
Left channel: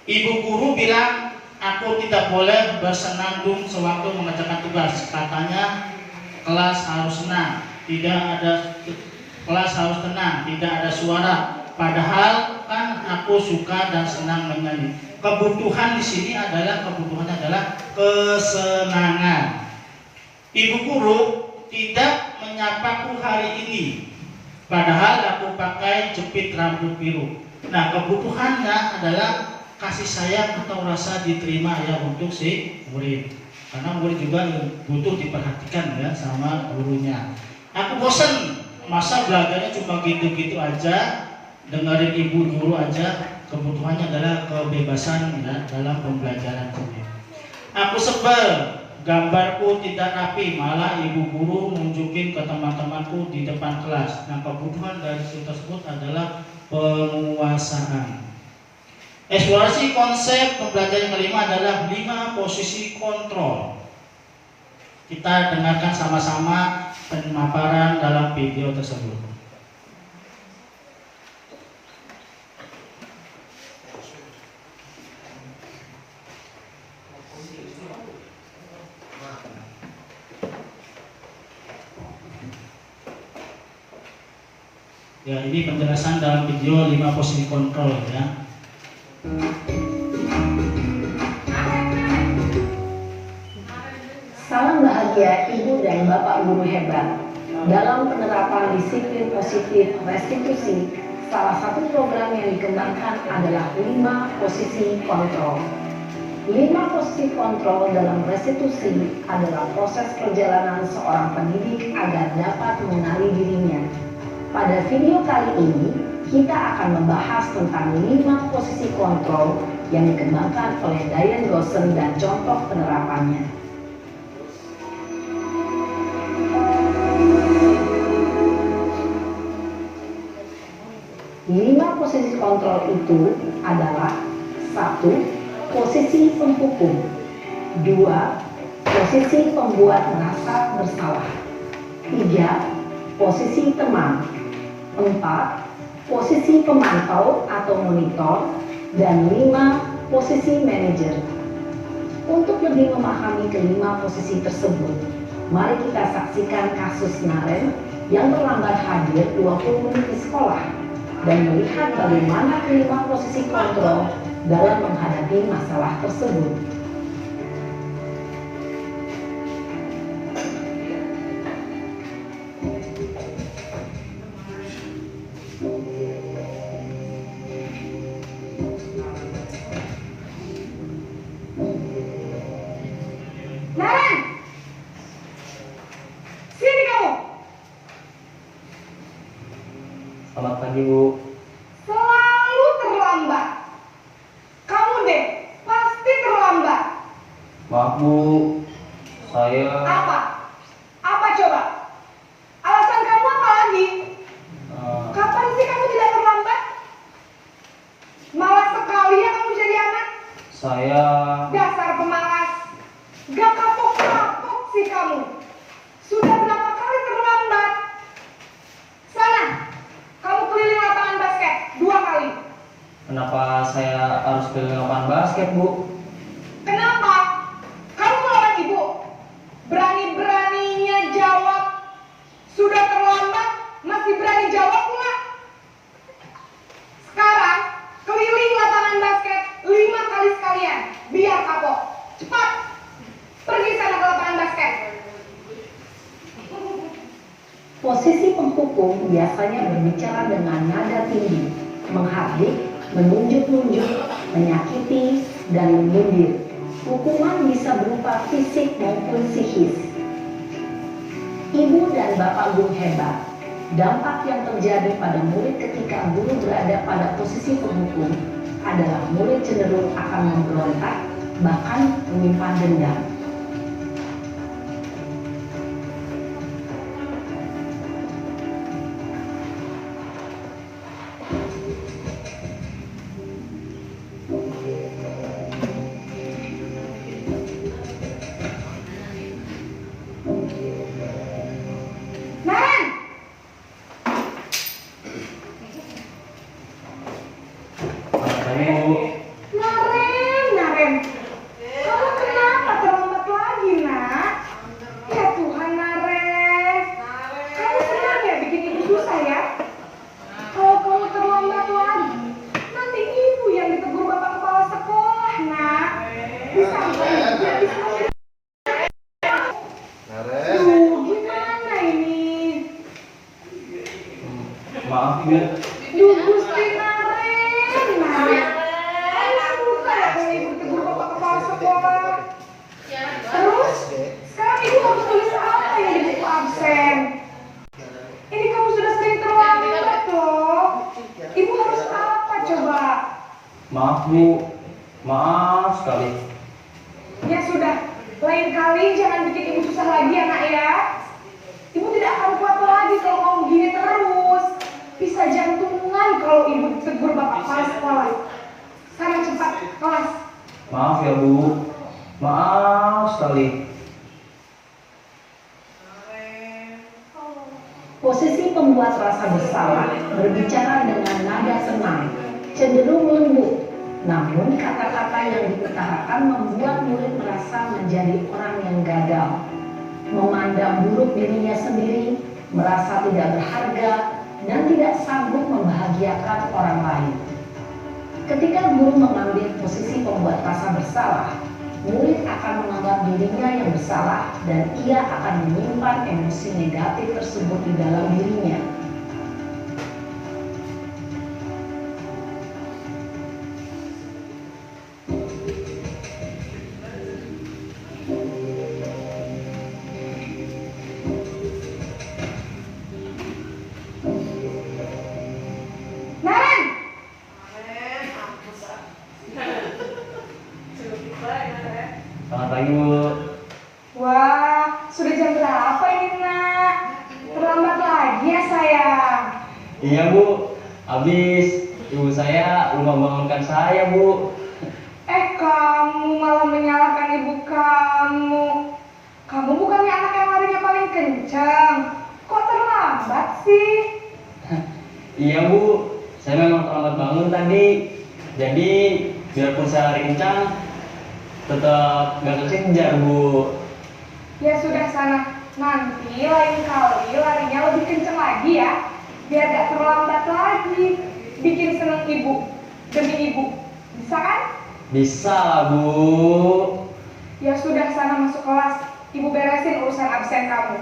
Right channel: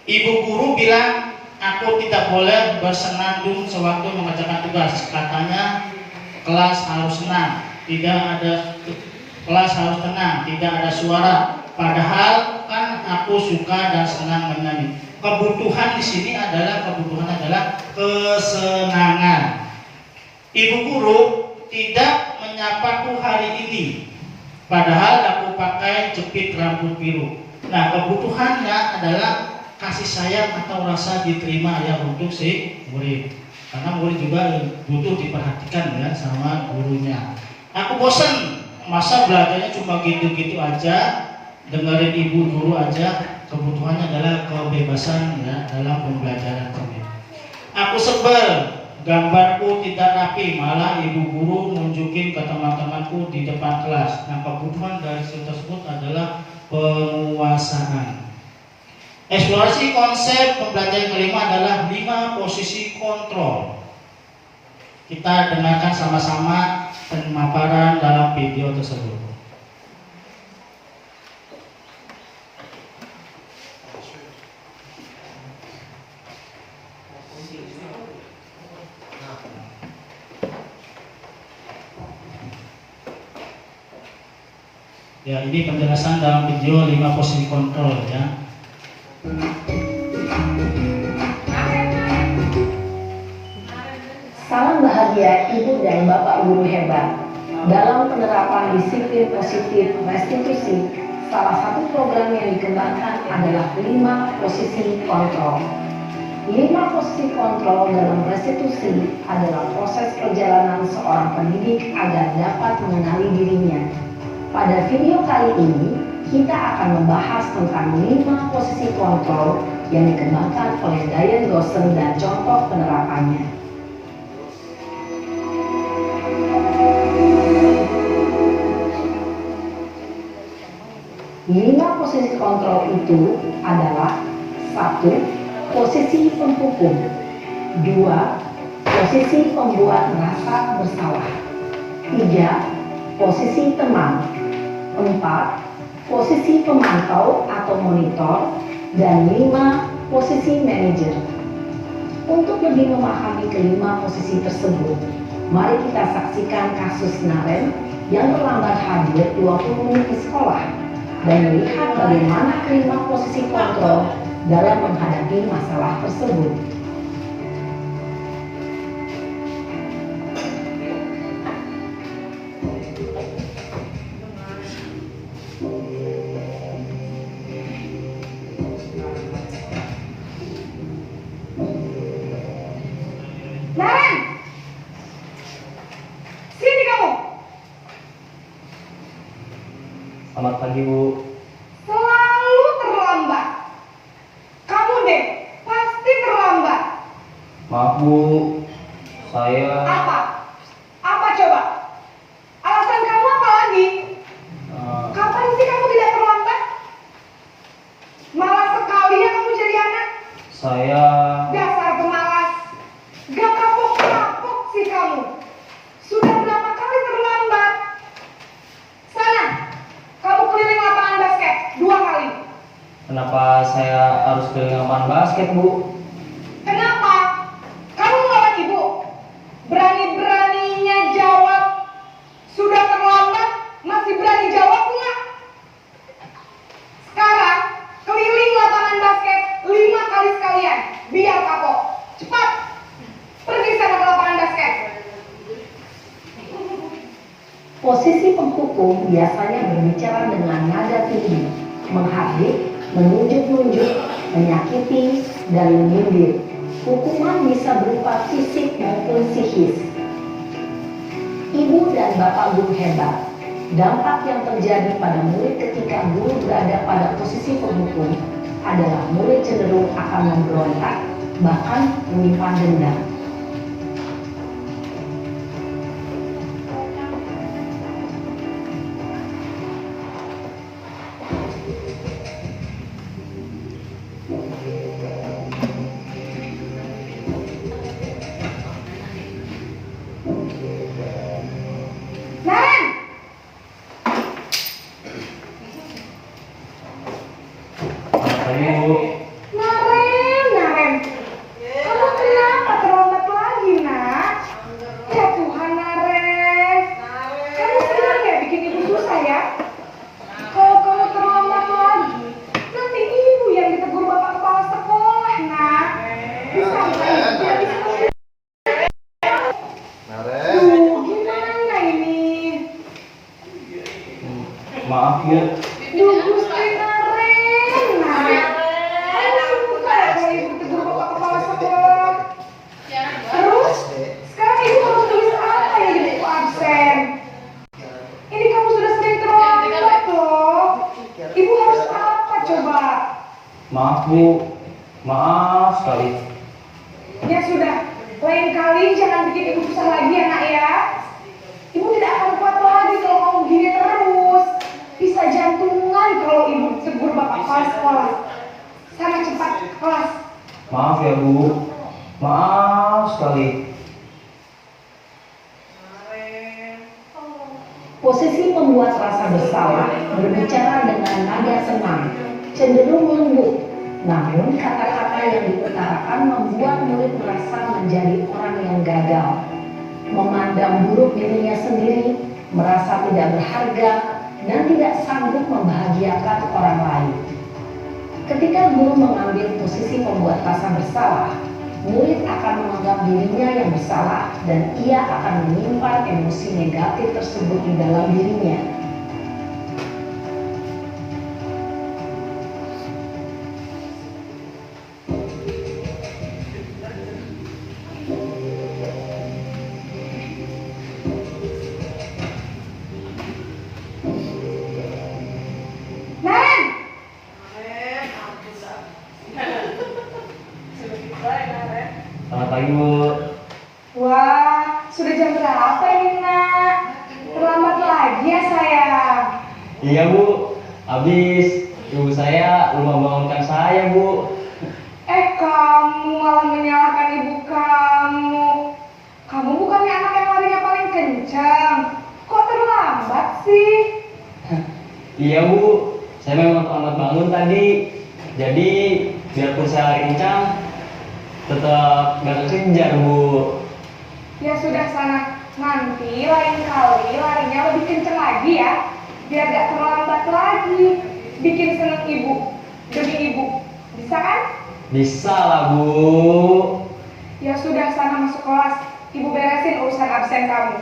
Ibu guru bilang, aku tidak boleh bersenandung sewaktu mengerjakan tugas. Katanya kelas harus senang, kelas harus tenang, tidak ada suara. Padahal kan aku suka dan senang menyanyi. Kebutuhan di sini adalah kesenangan. Ibu guru tidak menyapaku hari ini, padahal aku pakai jepit rambut biru. Nah, kebutuhannya adalah kasih sayang atau rasa diterima ya untuk si murid. Karena murid juga butuh diperhatikan ya sama gurunya. Aku bosan, masa belajarnya cuma gitu-gitu aja, dengerin ibu guru aja. Kebutuhannya adalah kebebasan ya dalam pembelajaran ini. Aku sebel, gambarku tidak rapi, malah ibu guru nunjukin ke teman-temanku di depan kelas. Nah, kebutuhan dari tersebut adalah penguasaan. Eksplorasi konsep pembelajaran kelima adalah 5 posisi kontrol. Kita dengarkan sama-sama pemaparan dalam video tersebut. Ya, ini penjelasan dalam video 5 posisi kontrol ya. Salam bahagia Ibu dan Bapak Guru hebat. Dalam penerapan disiplin positif restitusi, salah satu program yang dikembangkan adalah 5 posisi kontrol. 5 posisi kontrol dalam restitusi adalah proses perjalanan seorang pendidik agar dapat mengenali dirinya. Pada video kali ini, kita akan membahas tentang 5 posisi kontrol yang dikembangkan oleh Diane Dawson dan contoh penerapannya. Lima posisi kontrol itu adalah 1. Posisi penghukum, 2. Posisi pembuat merasa bersalah, 3. Posisi teman, 4. Posisi pemantau atau monitor, dan 5. Posisi manajer. Untuk lebih memahami kelima posisi tersebut, mari kita saksikan kasus Naren yang terlambat hadir 20 menit di sekolah dan melihat bagaimana kelima posisi kontrol dalam menghadapi masalah tersebut. Naren, sini kamu. Selamat pagi, Bu. Selalu terlambat. Kamu deh, pasti terlambat. Maaf, Bu. Saya Apa? Apa coba? Alasan kamu apa lagi? Kapan sih kamu tidak terlambat? Malas sekali ya kamu jadi anak. saya Dasar pemalas. Gak kapok-kapok sih kamu. Sudah berapa kali terlambat? Sana, kamu keliling lapangan basket 2 kali. kenapa saya harus ke lapangan basket, Bu? Kenapa? Kamu melawan ibu. Posisi penghukum biasanya berbicara dengan nada tinggi, menghardik, menunjuk-nunjuk, menyakiti, dan menyindir. Hukuman bisa berupa fisik maupun psikis. Ibu dan bapak guru hebat. Dampak yang terjadi pada murid ketika guru berada pada posisi penghukum adalah murid cenderung akan memberontak, bahkan menyimpan dendam. Naren, Tadi Bu. Naren, kamu kenapa terlambat lagi, nak? Ya Tuhan, Naren, kamu senang ya bikin ibu susah ya? Kalau kamu terlambat lagi, nanti ibu yang ditegur bapak kepala sekolah, nak. Bisa nggak? Tidak bisa. Duh, gimana ini? Maaf Bu. Duh, Gusti Naren. Kamu suka ya kalau ibu tegur bapak kepala sekolah? Terus, sekarang ibu harus tulis apa ya di buku absen? Ini kamu sudah sering terlambat loh. Ibu harus apa coba? Maaf Bu. Maaf sekali. Ya sudah, lain kali jangan bikin ibu susah lagi ya nak ya. Ibu tidak akan kuat lagi kalau kamu gini terus. Bisa jantungan kalau ibu tegur bapak kepala sekolah. Sana cepat kelas. Maaf ya Bu. Maaf sekali. Posisi pembuat rasa bersalah berbicara dengan nada senang, cenderung lembut. Namun kata-kata yang diutarakan membuat murid merasa menjadi orang yang gagal, memandang buruk dirinya sendiri, merasa tidak berharga, dan tidak sanggup membahagiakan orang lain. Ketika guru mengambil posisi pembuat rasa bersalah, murid akan menganggap dirinya yang bersalah dan ia akan menyimpan emosi negatif tersebut di dalam dirinya. Naren, Selamat pagi Bu. wah sudah jam berapa ini nak? Terlambat lagi ya sayang. Iya Bu. Habis ibu saya lupa bangunkan saya Bu. Kamu malah menyalahkan ibu kamu. Kamu bukannya anak yang larinya paling kencang. Kok terlambat sih? Iya Bu. Saya memang terlambat bangun tadi. Jadi biarpun saya rincang, tetap gak kekejar Bu. Ya sudah sana. Nanti lain kali larinya lebih kencang lagi ya. Biar gak terlambat lagi. Bikin seneng ibu. Demi ibu. Bisa kan? Bisa lah Bu. Ya sudah sana masuk kelas. Ibu beresin urusan absen kamu.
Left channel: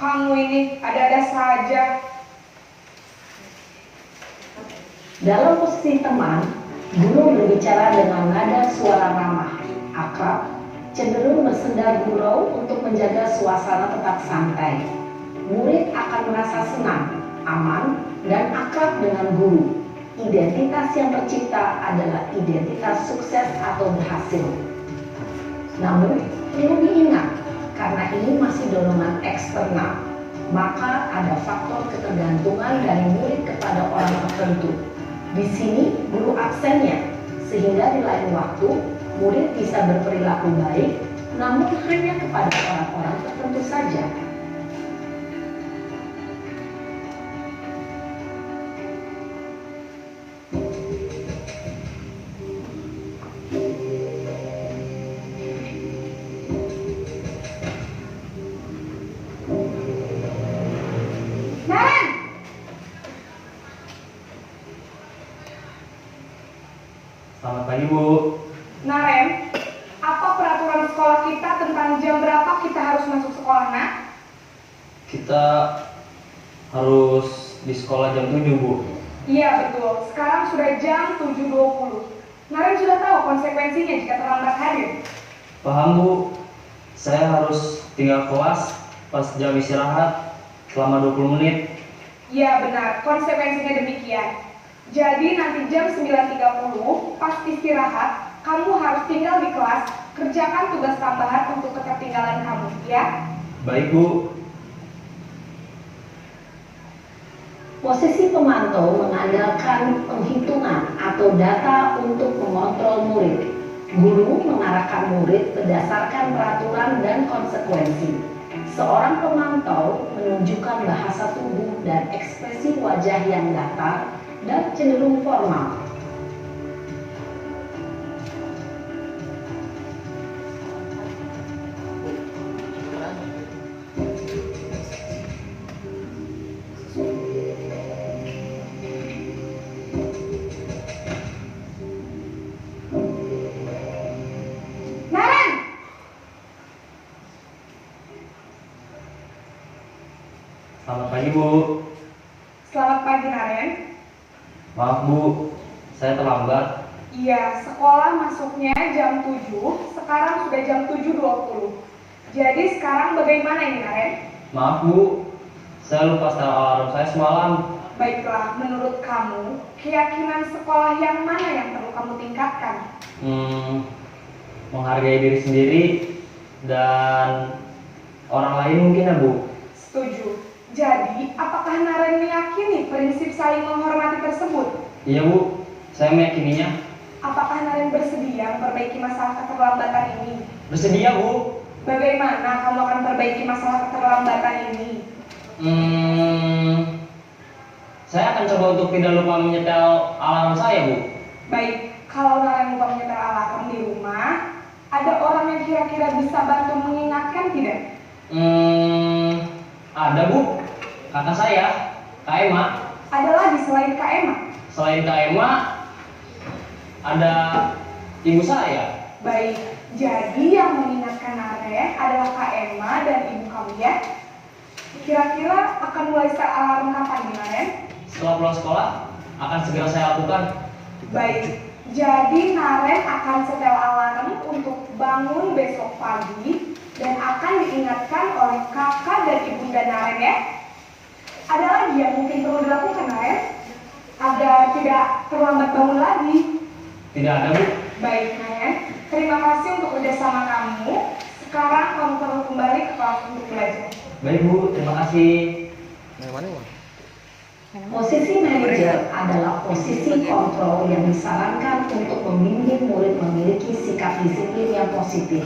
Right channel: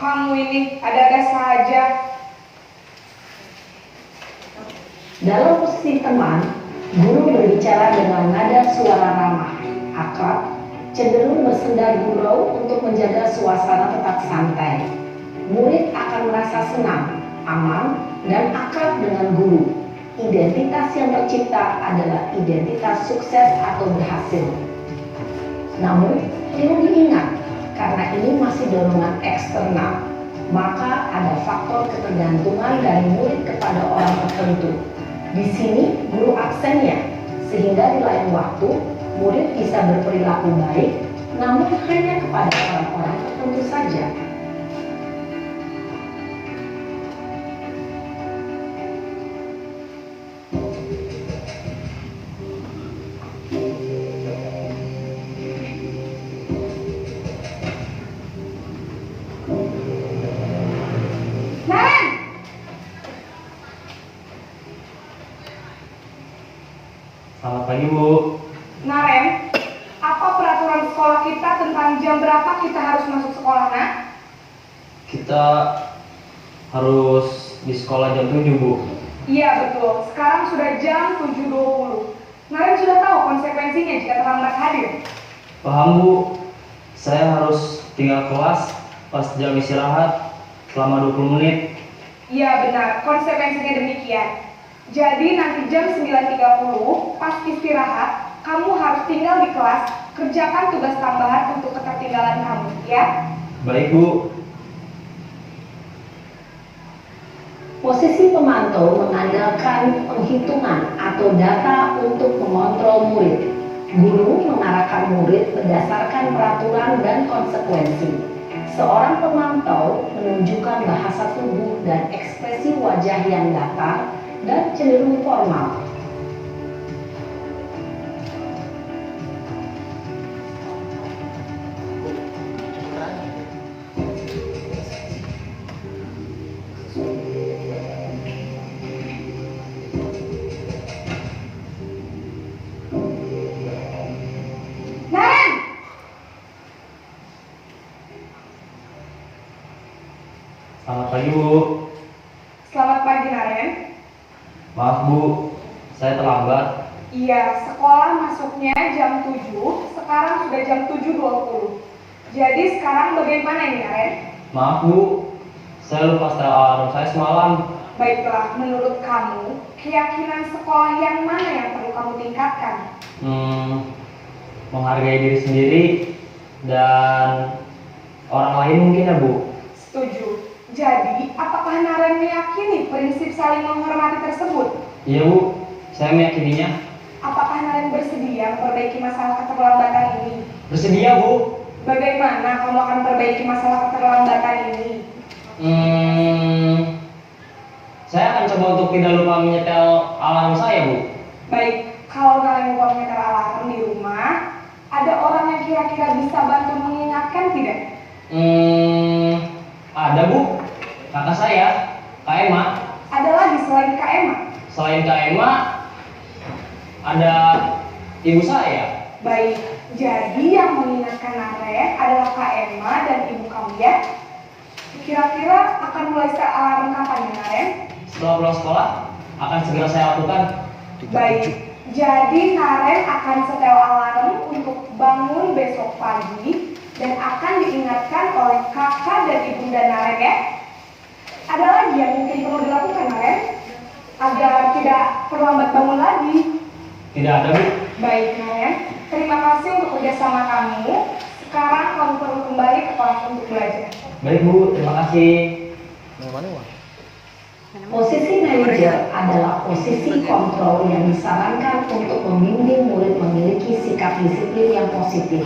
Kamu ini ada-ada saja. Dalam posisi teman, guru berbicara dengan nada suara ramah, akrab, cenderung bersenda gurau untuk menjaga suasana tetap santai. Murid akan merasa senang, aman, dan akrab dengan guru. Identitas yang tercipta adalah identitas sukses atau berhasil. Namun, perlu diingat, karena ini masih dorongan eksternal, maka ada faktor ketergantungan dari murid kepada orang tertentu. Di sini guru absennya, sehingga di lain waktu murid bisa berperilaku baik, namun hanya kepada orang-orang tertentu saja. Naren! Selamat pagi Bu. Naren, apa peraturan sekolah kita tentang jam berapa kita harus masuk sekolah, nak? Kita harus di sekolah jam 7, Bu. Iya betul, sekarang sudah jam 7.20. Naren sudah tahu konsekuensinya jika terlambat hadir. Paham, Bu. Saya harus tinggal kelas pas jam istirahat selama 20 menit. Iya benar, konsekuensinya demikian. Jadi nanti jam 9.30 pas istirahat, kamu harus tinggal di kelas, kerjakan tugas tambahan untuk ketertinggalan kamu, ya? Baik, Bu. Posisi pemantau mengandalkan penghitungan atau data untuk mengontrol murid. Guru mengarahkan murid berdasarkan peraturan dan konsekuensi. Seorang pemantau menunjukkan bahasa tubuh dan ekspresi wajah yang datar dan cenderung formal. Naren! Selamat pagi, Bu. Selamat pagi Naren. Maaf, Bu. Saya terlambat. Iya, sekolah masuknya jam 7, sekarang sudah jam 7.20. Jadi sekarang bagaimana ini Naren? Maaf, Bu. Saya lupa setel alarm saya semalam. Baiklah, menurut kamu, keyakinan sekolah yang mana yang perlu kamu tingkatkan? Menghargai diri sendiri dan orang lain mungkin ya, Bu. Setuju. Jadi, apakah Naren meyakini prinsip saling menghormati tersebut? Iya, Bu. Saya meyakininya. Apakah Naren bersedia memperbaiki masalah keterlambatan ini? Bersedia, Bu. Bagaimana kamu akan memperbaiki masalah keterlambatan ini? Saya akan coba untuk tidak lupa menyetel alarm saya, Bu. Baik, kalau Naren lupa menyetel alarm di rumah, ada orang yang kira-kira bisa bantu mengingatkan tidak? Ada, Bu. Kata saya, Kak Emma. Ada lagi selain Kak Emma? Selain Kak Emma, ada ibu saya. Baik, jadi yang mengingatkan Naren adalah Kak Emma dan ibu kamu ya? Kira-kira akan mulai setel alarm kapan ya Naren? Setelah pulang sekolah, akan segera saya lakukan. Baik, jadi Naren akan setel alarm untuk bangun besok pagi dan akan diingatkan oleh kakak dan ibunda Naren ya. Ada lagi yang mungkin perlu dilakukan Naren agar tidak terlambat bangun lagi. Tidak ada, Bu. Baik Naren, terima kasih untuk kerjasama kamu. Sekarang kamu perlu kembali ke kelas untuk belajar. Baik, Bu. Terima kasih. Posisi manajer adalah posisi kontrol yang disarankan untuk membimbing murid memiliki sikap disiplin yang positif,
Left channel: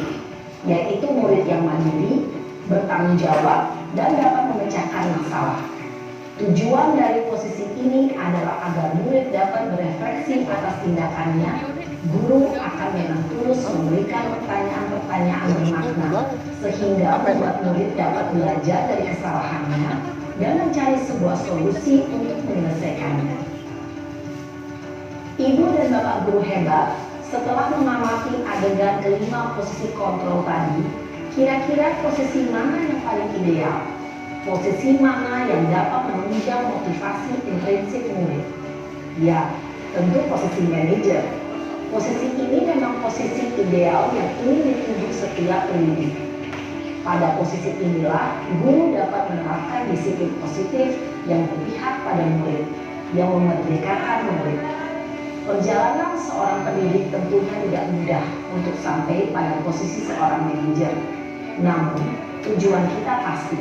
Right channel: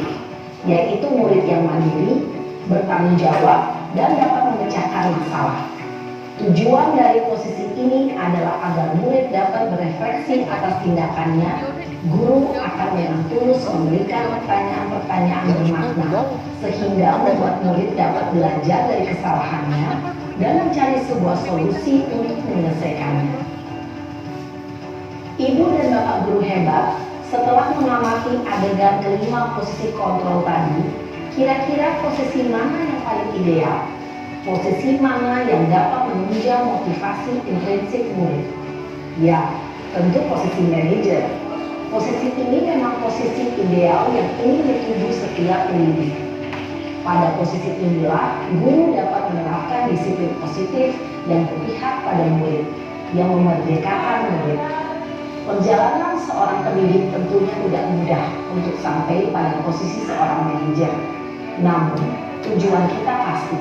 yaitu murid yang mandiri, bertanggung jawab, dan dapat memecahkan masalah. Tujuan dari posisi ini adalah agar murid dapat berefleksi atas tindakannya. Guru akan dengan tulus memberikan pertanyaan-pertanyaan bermakna, sehingga membuat murid dapat belajar dari kesalahannya dan mencari sebuah solusi untuk menyelesaikannya. Ibu dan Bapak guru hebat, setelah mengamati adegan kelima posisi kontrol tadi, kira-kira posisi mana yang paling ideal? Posisi mana yang dapat menunjang motivasi intrinsik murid? Ya, tentu posisi manajer. Posisi ini memang posisi ideal yang ingin dituju setiap pendidik. Pada posisi inilah, guru dapat menerapkan disiplin positif yang berpihak pada murid, yang memerdekakan murid. Perjalanan seorang pendidik tentunya tidak mudah untuk sampai pada posisi seorang manajer. Namun, tujuan kita pasti,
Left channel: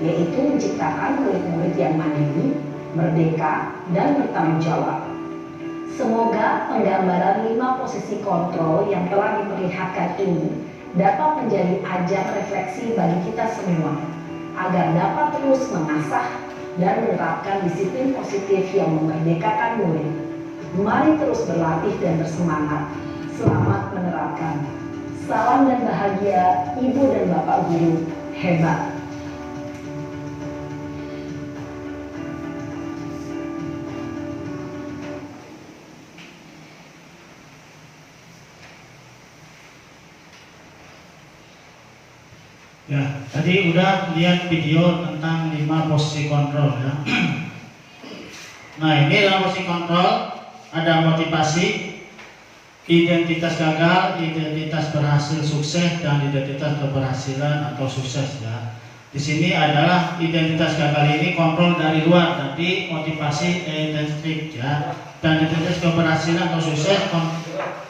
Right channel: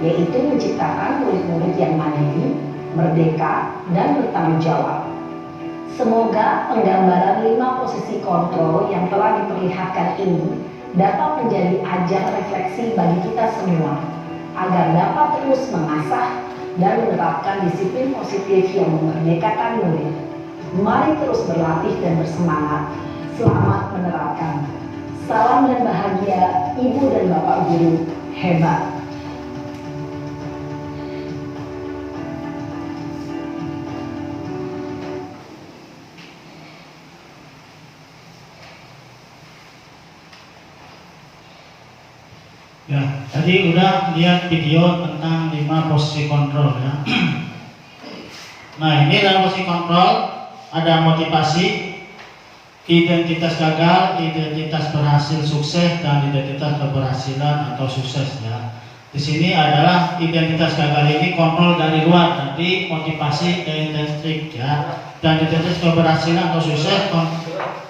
yaitu menciptakan murid-murid yang mandiri, merdeka, dan bertanggung jawab. Semoga penggambaran 5 posisi kontrol yang telah diperlihatkan ini dapat menjadi ajang refleksi bagi kita semua, agar dapat terus mengasah dan menerapkan disiplin positif yang memerdekakan murid. Mari terus berlatih dan bersemangat. Selamat menerapkan. Salam dan bahagia Ibu dan Bapak guru hebat. Ya, tadi udah lihat video tentang 5 posisi kontrol ya. Nah, ini dalam posisi kontrol ada motivasi, identitas gagal, identitas berhasil sukses, dan identitas keberhasilan atau sukses ya. Di sini adalah identitas gagal ini kontrol dari luar, jadi motivasi intrinsic ya, dan identitas keberhasilan atau sukses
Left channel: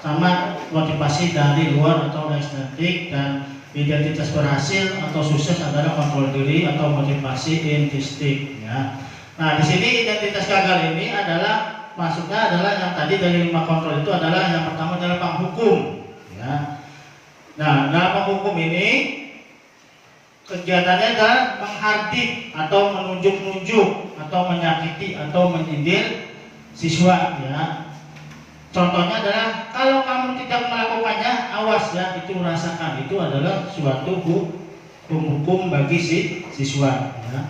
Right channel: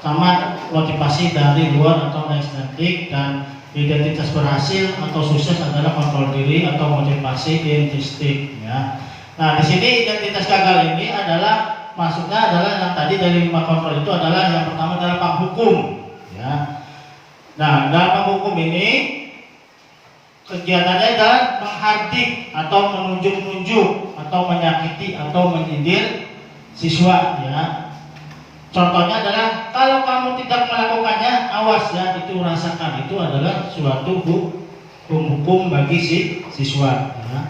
sama motivasi dari luar atau ekstrinsic, dan identitas berhasil atau sukses adalah kontrol diri atau motivasi intrinsik ya. Nah, di sini identitas gagal ini adalah maksudnya adalah yang tadi dari 5 kontrol itu adalah yang pertama adalah penghukum ya. Nah, dalam penghukum ini kegiatannya adalah menghardik atau menunjuk-nunjuk atau menyakiti atau menyindir siswa ya. Contohnya adalah kalau kamu tidak melakukannya, awas ya, itu rasakan. Itu adalah suatu hukum bagi siswa ya.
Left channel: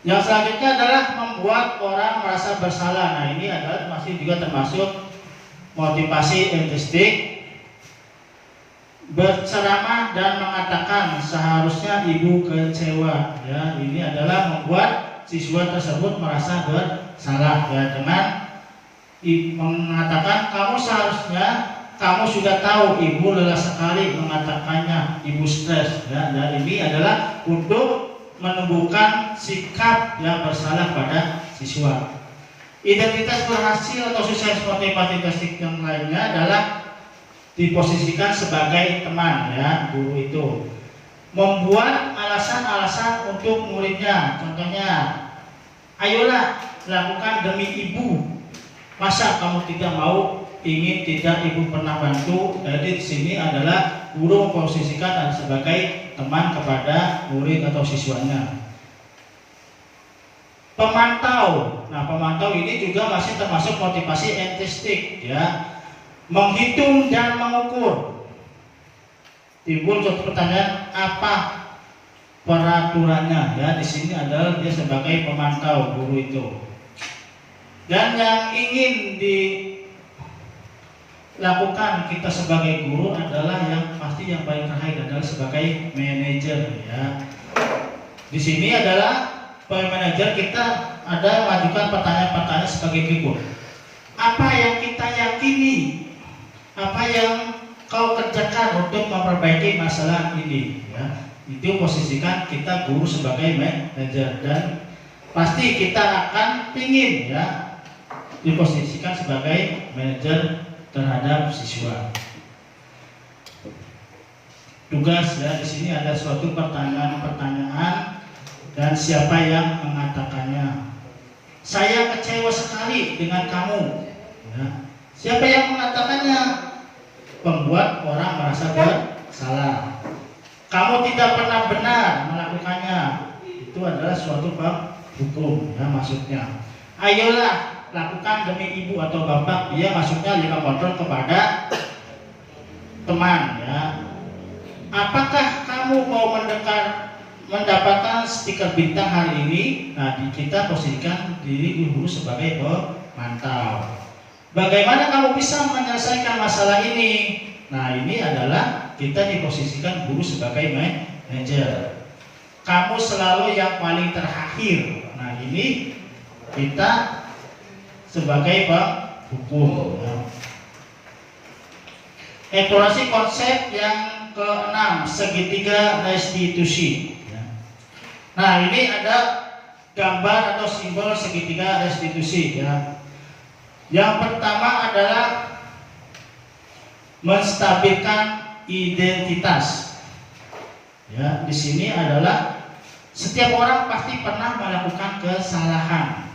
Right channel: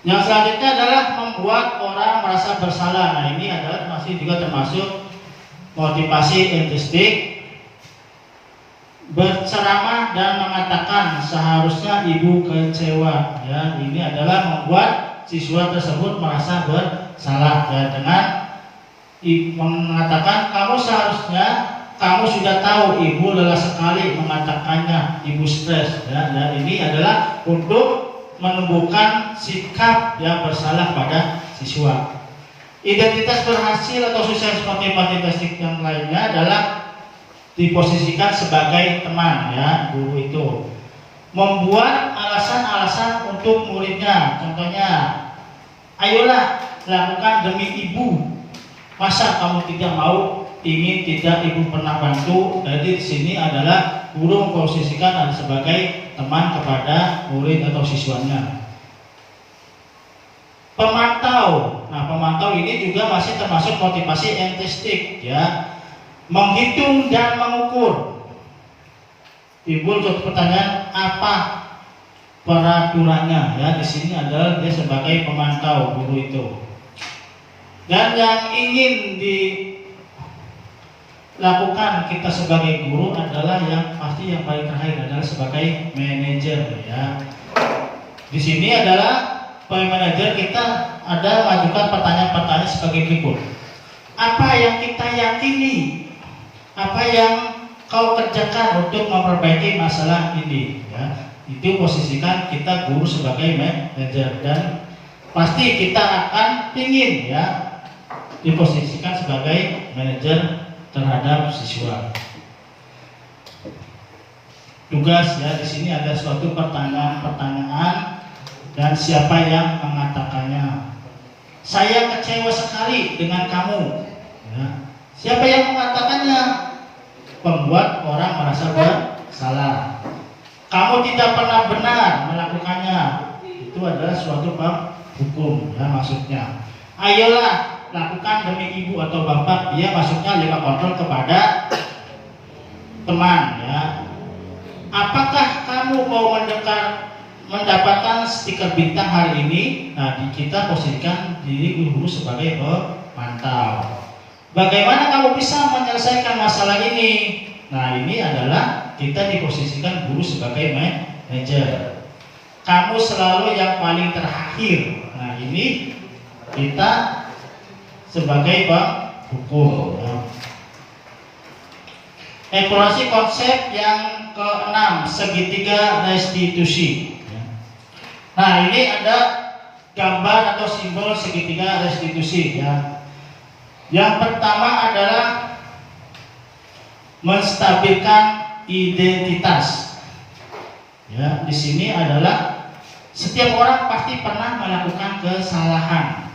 Yang selanjutnya adalah membuat orang merasa bersalah. Nah, ini adalah masih juga termasuk motivasi intrinsik, berceramah dan mengatakan seharusnya ibu kecewa ya. Ini adalah membuat siswa tersebut merasa bersalah ya, dengan mengatakan kamu sudah tahu ibu lelah sekali mengatakannya, ibu stres ya. Dan ini adalah untuk menumbuhkan sikap yang bersalah pada siswa. Identitas berhasil atau sukses motivasi yang lainnya adalah diposisikan sebagai teman ya, guru itu membuat alasan-alasan untuk muridnya. Contohnya, ayolah lakukan demi ibu. Masa kamu tidak mau, ingin tidak ibu pernah bantu? Jadi di sini adalah guru memposisikan sebagai teman kepada murid atau siswanya. Pemantau. Nah, pemantau ini juga masih termasuk motivasi intrinsik ya. Menghitung dan mengukur. Timbul suatu pertanyaan, apa peraturannya ya? Di sini adalah dia sebagai pemantau guru itu. Dan yang ingin dilakukan kita sebagai guru adalah yang pasti yang paling terakhir adalah sebagai manajer ya. Di sini adalah sebagai manajer kita ada majukan pertanyaan-pertanyaan sebagai berikut. Apa yang kita yakini? Apa yang kau kerjakan untuk memperbaiki masalah ini ya. Itu posisikan kita guru sebagai manajer, dan pasti kita akan ingin ya diposisikan sebagai manajer terhadap siswa. Tugas ya, di sini ada suatu pertanyaan dan siapa yang mengatakannya. Saya kecewa sekali dengan kamu ya. Siapa yang mengatakannya? Pembuat orang merasa bersalah. Kamu tidak pernah benar melakukannya. Itu adalah suatu hukum ya, maksudnya. Ayolah lakukan demi ibu atau bapak. Dia maksudnya lima kontrol kepada teman ya. Apakah kamu mau mendapatkan stiker bintang hari ini? Nah, kita posisikan diri guru sebagai pemantau. Bagaimana kamu bisa menyelesaikan masalah ini? Nah, ini adalah kita diposisikan guru sebagai manajer. Kamu selalu yang paling terakhir. Nah, ini kita sebagai hukum. Eksplorasi konsep yang ke-6, segitiga restitusi. Nah, ini ada gambar atau simbol segitiga restitusi ya. Yang pertama adalah menstabilkan identitas. Ya, di sini adalah setiap orang pasti pernah melakukan kesalahan.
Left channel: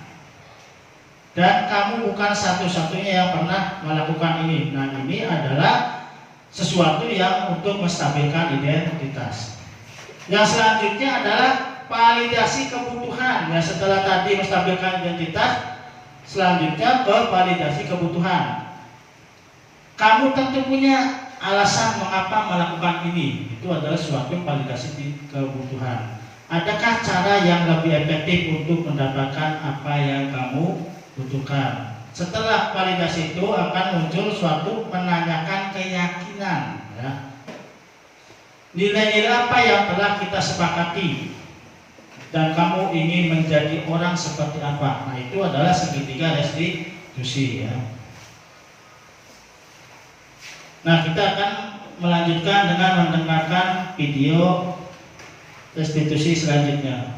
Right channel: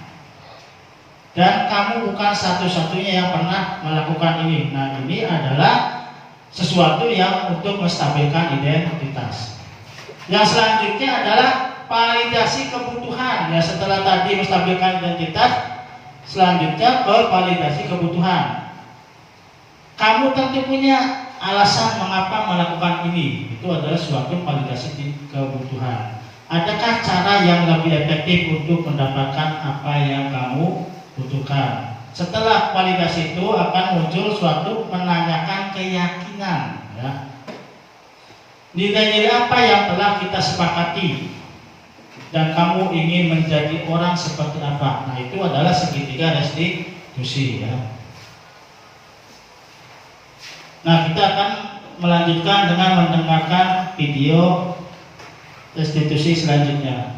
Dan kamu bukan satu-satunya yang pernah melakukan ini. Nah, ini adalah sesuatu yang untuk menstabilkan identitas. Yang selanjutnya adalah validasi kebutuhan. Ya, setelah tadi menstabilkan identitas, selanjutnya ke validasi kebutuhan. Kamu tentu punya alasan mengapa melakukan ini. Itu adalah suatu validasi kebutuhan. Adakah cara yang lebih efektif untuk mendapatkan apa yang kamu butuhkan? Setelah validasi itu akan muncul suatu menanyakan keyakinan ya. Nilai-nilai apa yang telah kita sepakati dan kamu ingin menjadi orang seperti apa? Nah, itu adalah segitiga restitusi ya. Nah, kita akan melanjutkan dengan mendengarkan video restitusi selanjutnya.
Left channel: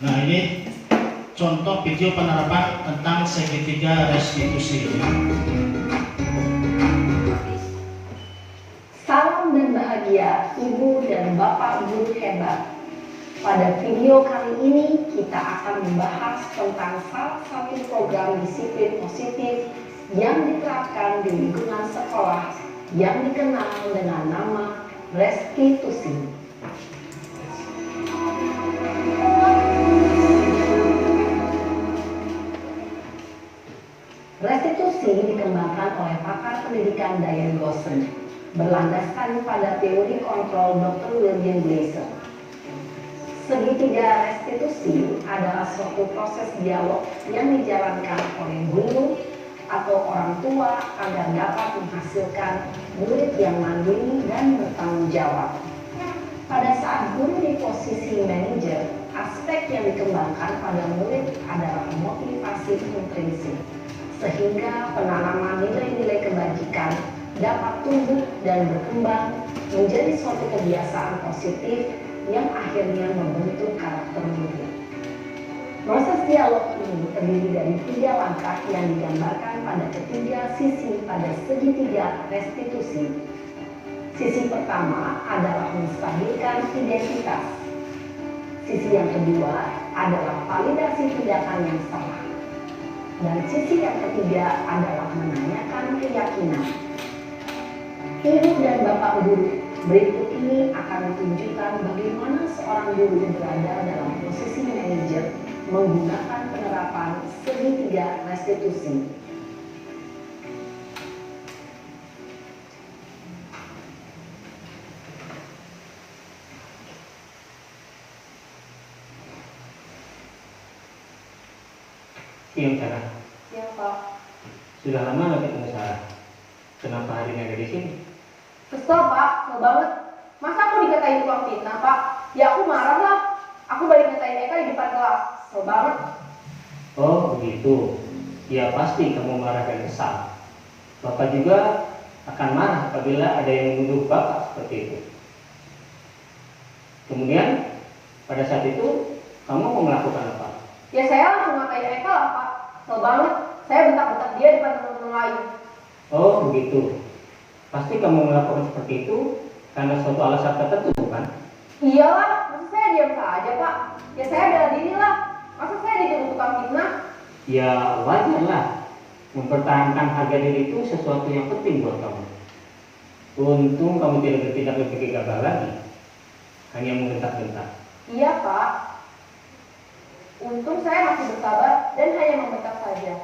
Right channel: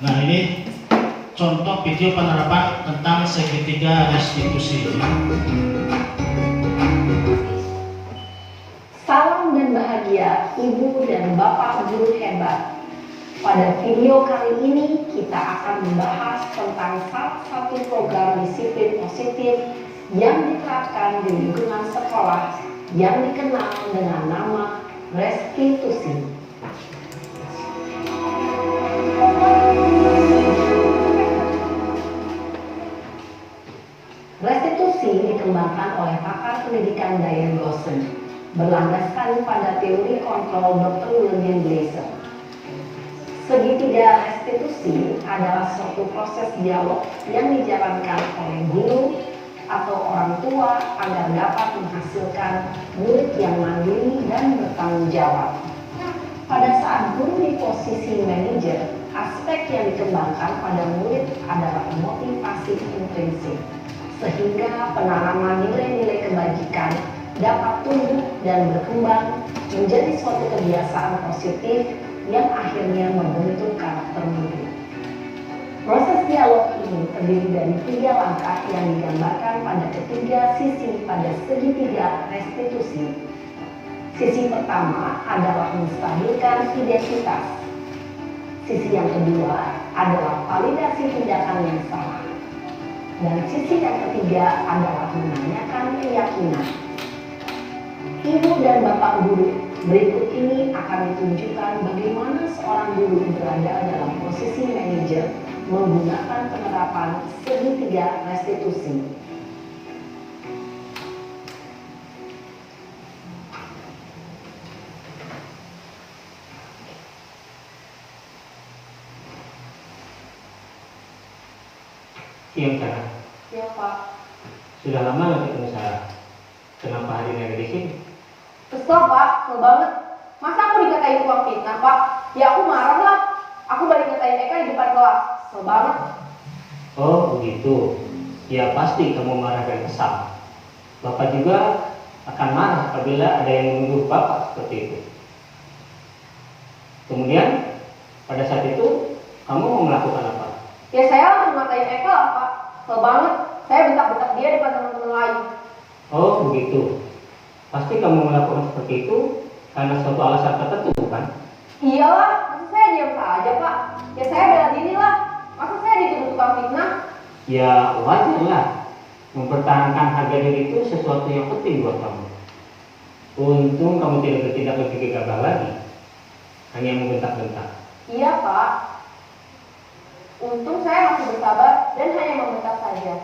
Nah, ini contoh video penerapan tentang segitiga restitusi. Salam dan bahagia Ibu dan Bapak guru hebat. Pada video kali ini kita akan membahas tentang salah satu program disiplin positif yang diterapkan di lingkungan sekolah yang dikenal dengan nama restitusi. Restitusi dikembangkan oleh pakar pendidikan Diane Dawson, berlandaskan pada teori kontrol Dr. William Glasser. Segitiga restitusi adalah suatu proses dialog yang dijalankan oleh guru atau orang tua agar dapat menghasilkan murid yang mandiri dan bertanggung jawab. Pada saat guru di posisi manajer, aspek yang dikembangkan pada murid adalah motivasi intrinsik, sehingga penanaman nilai-nilai kebajikan dapat tumbuh dan berkembang menjadi suatu kebiasaan positif yang akhirnya membentuk karakter murid. Proses dialog ini terdiri dari 3 langkah yang digambarkan pada ketiga sisi pada segitiga restitusi. Sisi pertama adalah menstabilkan identitas. Sisi yang kedua adalah validasi tindakan yang salah. Dan sisi yang ketiga adalah menanyakan keyakinan. Ibu dan Bapak guru, berikut ini akan ditunjukkan bagaimana seorang guru berada dalam posisi manajer menggunakan penerapan segitiga restitusi. Siang Sarah. Ya Pak. Sudah lama nggak ketemu Sarah. Kenapa hari ini ada di sini? Kesel Pak, kesel banget. Masa aku dikatain tukang fitnah Pak? Ya aku marah lah. Aku balik ngatain Eka di depan kelas. Kesel banget. Oh begitu. Ya pasti kamu marah dan kesal. Bapak juga akan marah apabila ada yang menuduh Bapak seperti itu. Kemudian pada saat itu kamu mau melakukan apa? Ya saya langsung ngatain Eka lah Pak. Kesel banget. Saya bentak-bentak dia depan teman-teman lain. Oh begitu. Pasti kamu melakukan seperti itu karena suatu alasan tertentu, bukan? Iyalah, masa saya diam saja Pak? Ya saya bela diri lah. Masa saya dituduh tukang fitnah? Ya wajar lah. Mempertahankan harga diri itu sesuatu yang penting buat kamu. Untung kamu tidak berpikir gagah lagi. Hanya membentak-bentak. Iya Pak. Untung saya masih bersabar dan hanya membentak saja.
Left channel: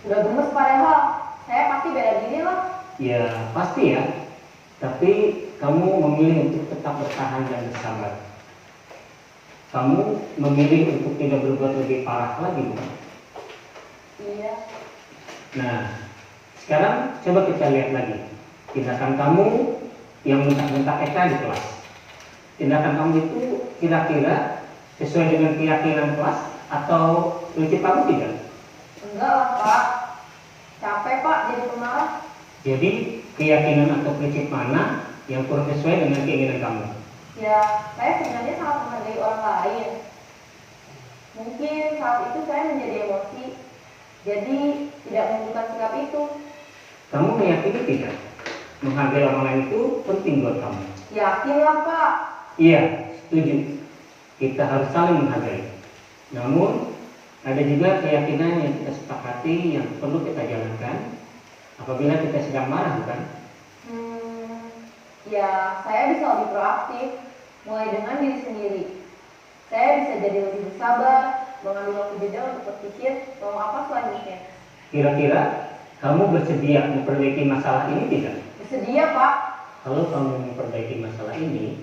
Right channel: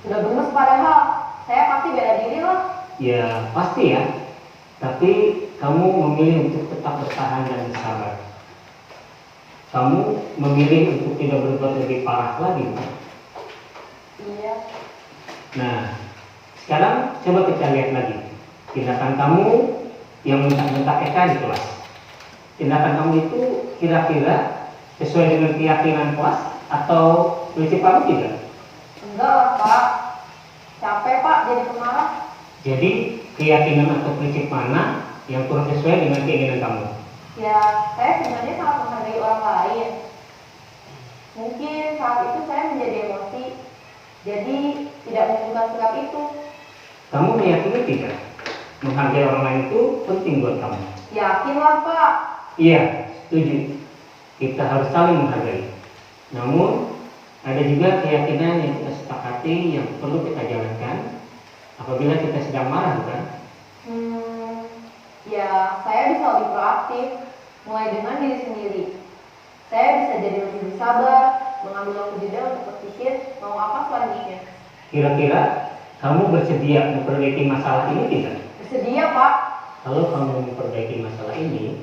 Sudah gemes padahal. Saya pasti bela diri lah. Ya pasti ya. Tapi kamu memilih untuk tetap bertahan dan bersabar. Kamu memilih untuk tidak berbuat lebih parah lagi. Iya. Nah, sekarang coba kita lihat lagi tindakan kamu yang mentak-mentak Eka di kelas. Tindakan kamu itu kira-kira sesuai dengan keyakinan kelas atau prinsip kamu tidak? Enggak lah Pak. Capek Pak jadi pemarah. Jadi keyakinan atau prinsip mana yang kurang sesuai dengan keinginan kamu? Ya, saya sebenarnya sangat menghargai orang lain. Mungkin saat itu saya menjadi emosi, jadi tidak menentukan sikap itu. Kamu meyakini tidak? Menghargai orang lain itu penting buat kamu. Yakinlah Pak. Iya, setuju. Kita harus saling menghargai. Namun ada juga keyakinan yang kita sepakati yang perlu kita jalankan apabila kita sedang marah, bukan? Ya, saya bisa lebih proaktif, mulai dengan diri sendiri. Saya bisa jadi lebih bersabar, mengambil waktu jeda untuk berpikir mau apa selanjutnya. Kira-kira kamu bersedia memperbaiki masalah ini tidak? Bersedia, Pak. Kalau kamu memperbaiki masalah ini,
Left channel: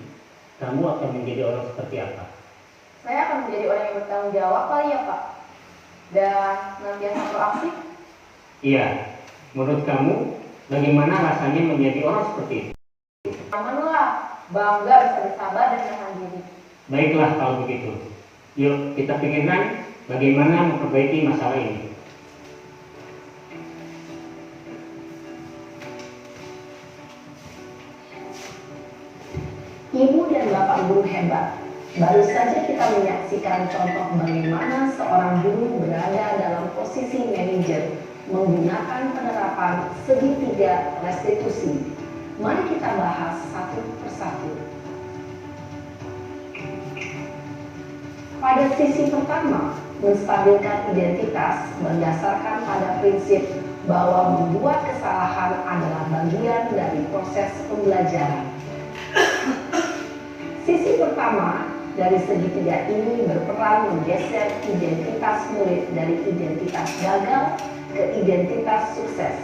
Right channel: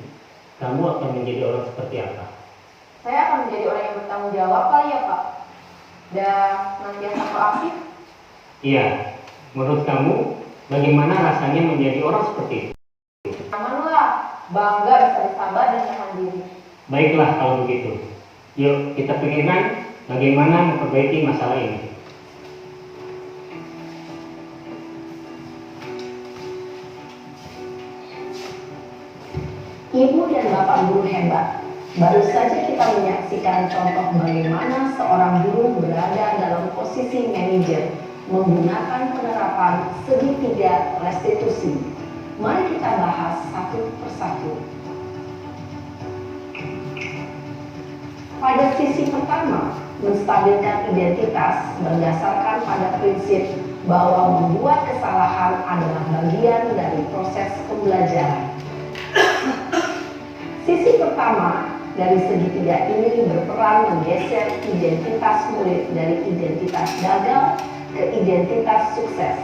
kamu akan menjadi orang seperti apa? Saya akan menjadi orang yang bertanggung jawab kali ya, Pak. Dan senantiasa proaktif. Iya, menurut kamu bagaimana rasanya menjadi orang seperti itu? Aman lah, bangga bisa bersabar dan menahan diri. Baiklah kalau begitu. Yuk kita pikirkan bagaimana memperbaiki masalah ini. Ibu dan Bapak guru hebat. Baru saja kita menyaksikan contoh bagaimana seorang guru berada dalam posisi manajer menggunakan penerapan segitiga restitusi. Mari kita bahas satu persatu. Pada sisi pertama, menstabilkan identitas berdasarkan pada prinsip bahwa membuat kesalahan adalah bagian dari proses pembelajaran. Sisi pertama dari segitiga ini berperan menggeser identitas murid dari identitas gagal ke identitas sukses.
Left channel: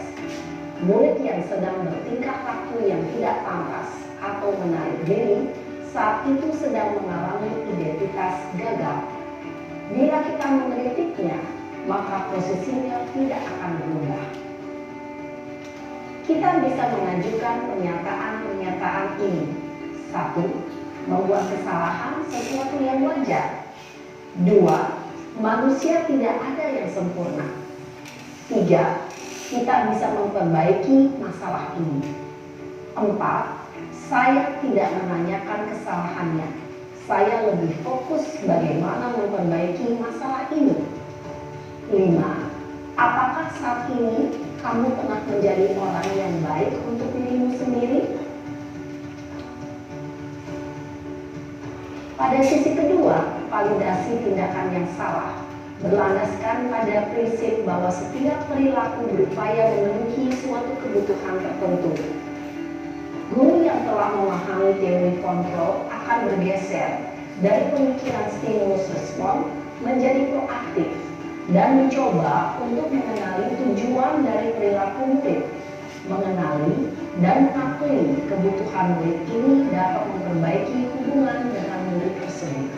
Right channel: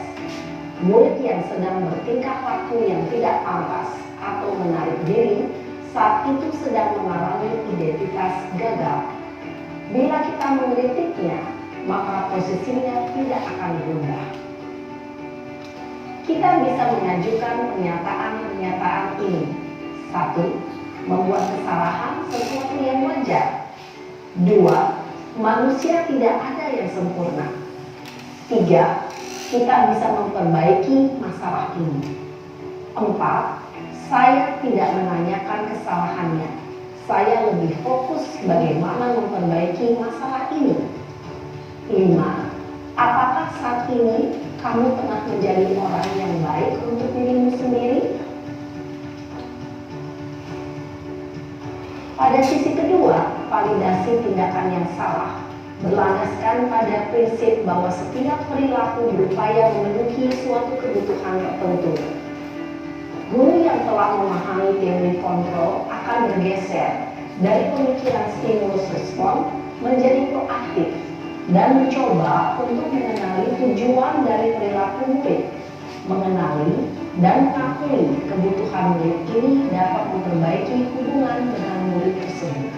Murid yang sedang bertingkah laku yang tidak pantas atau menarik diri saat itu sedang mengalami identitas gagal. Bila kita mengkritiknya, maka posisinya tidak akan berubah. Kita bisa mengajukan pernyataan-pernyataan ini. 1. Membuat kesalahan sesuatu yang wajar. 2. Manusia tidak ada yang sempurna. 3. Kita bisa memperbaiki masalah ini. 4. Saya tidak menanyakan kesalahannya. Saya lebih fokus bagaimana memperbaiki masalah ini. 5. Apakah saat ini kamu pernah menjadi orang yang baik untuk dirimu sendiri? Pada sisi kedua, validasi tindakan yang salah berlandaskan pada prinsip bahwa setiap perilaku berupaya memenuhi suatu kebutuhan tertentu. Guru yang telah memahami teori kontrol akan bergeser dari pemikiran stimulus respon menjadi proaktif dan mencoba untuk mengenali tujuan dari perilaku murid, mengenali dan mengakui kebutuhan murid ini dapat memperbaiki hubungan dengan murid tersebut.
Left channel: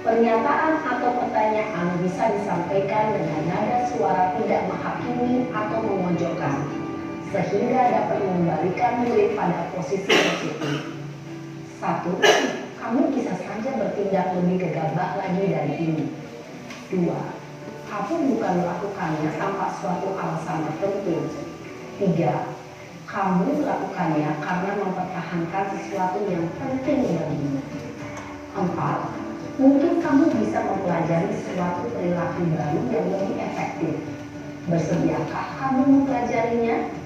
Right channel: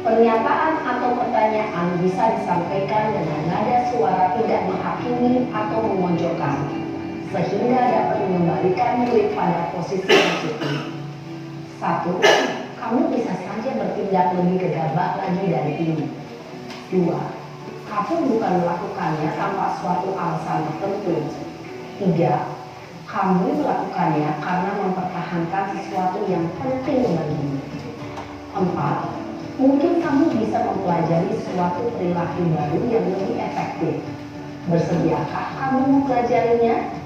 Pernyataan atau pertanyaan bisa disampaikan dengan nada suara tidak menghakimi atau memojokkan, sehingga dapat mengembalikan murid pada posisi positif. 1. Kamu bisa saja bertindak lebih gegabah lagi dari ini. 2. Kamu bukan melakukannya tanpa suatu alasan tertentu. 3. Kamu melakukannya karena mempertahankan sesuatu yang penting bagimu. 4. Mungkin kamu bisa mempelajari suatu perilaku baru yang lebih efektif. Bersediakah kamu mempelajarinya?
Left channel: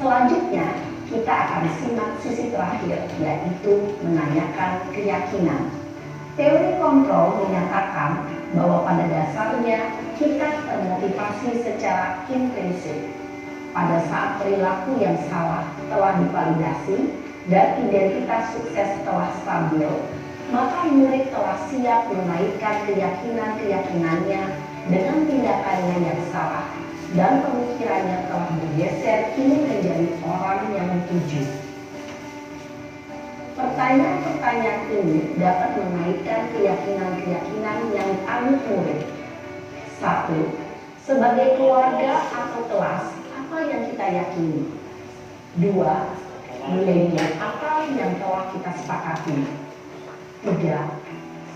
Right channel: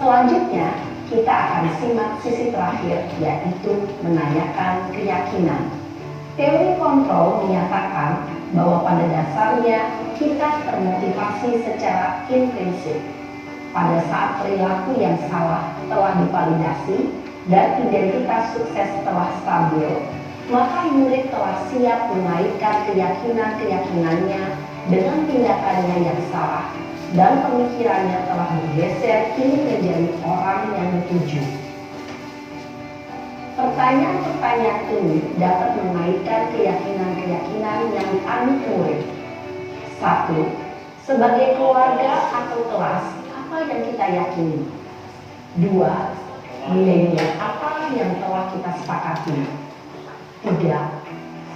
Selanjutnya, kita akan simak sisi terakhir, yaitu menanyakan keyakinan. Teori kontrol menyatakan bahwa pada dasarnya kita termotivasi secara intrinsik. Pada saat perilaku yang salah telah divalidasi dan identitas sukses telah stabil, maka murid telah siap mengaitkan keyakinan-keyakinannya dengan tindakannya yang salah dan pemikirannya telah bergeser ingin menjadi orang yang dituju. Pertanyaan-pertanyaan ini dapat mengaitkan keyakinan-keyakinan yang dianut murid. 1. Sebagai keluarga atau kelas, apa yang kita yakini? 2. Nilai-nilai apa yang telah kita sepakati? 3.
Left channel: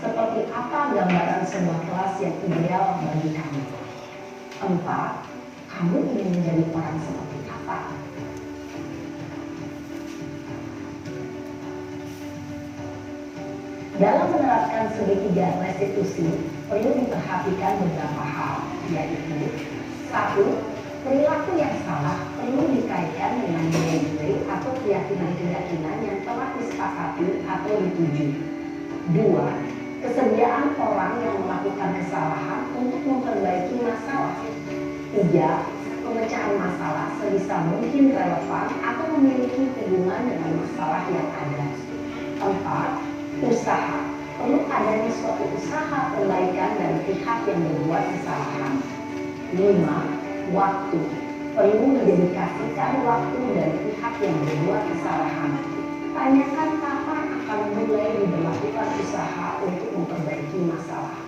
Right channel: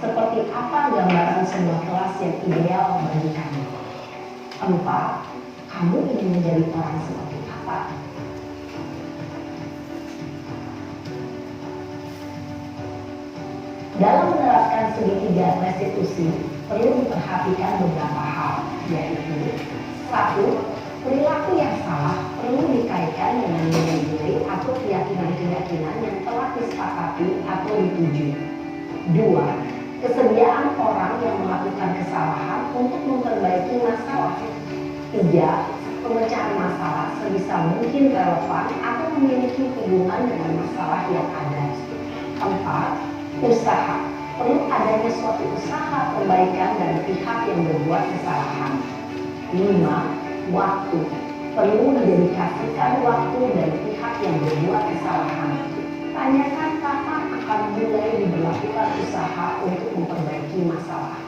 Seperti apa gambaran sebuah kelas yang ideal bagi kamu? 4. Kamu ingin menjadi orang seperti apa? Dalam menerapkan segitiga restitusi, perlu diperhatikan beberapa hal, yaitu 1. Perilaku yang salah perlu dikaitkan dengan nilai-nilai atau keyakinan-keyakinan yang telah disepakati atau dituju. 2. Kesediaan orang yang melakukan kesalahan untuk memperbaiki masalah. 3. Pemecahan masalah sebisa mungkin relevan atau memiliki hubungan dengan masalah yang ada. 4. Usaha. Perlu adanya suatu usaha perbaikan dari pihak yang berbuat kesalahan. 5. Waktu. perlu didedikasikan waktu dari pihak yang berbuat kesalahan. Tanyakan kapan akan mulai diberlakukan usaha untuk memperbaiki masalah.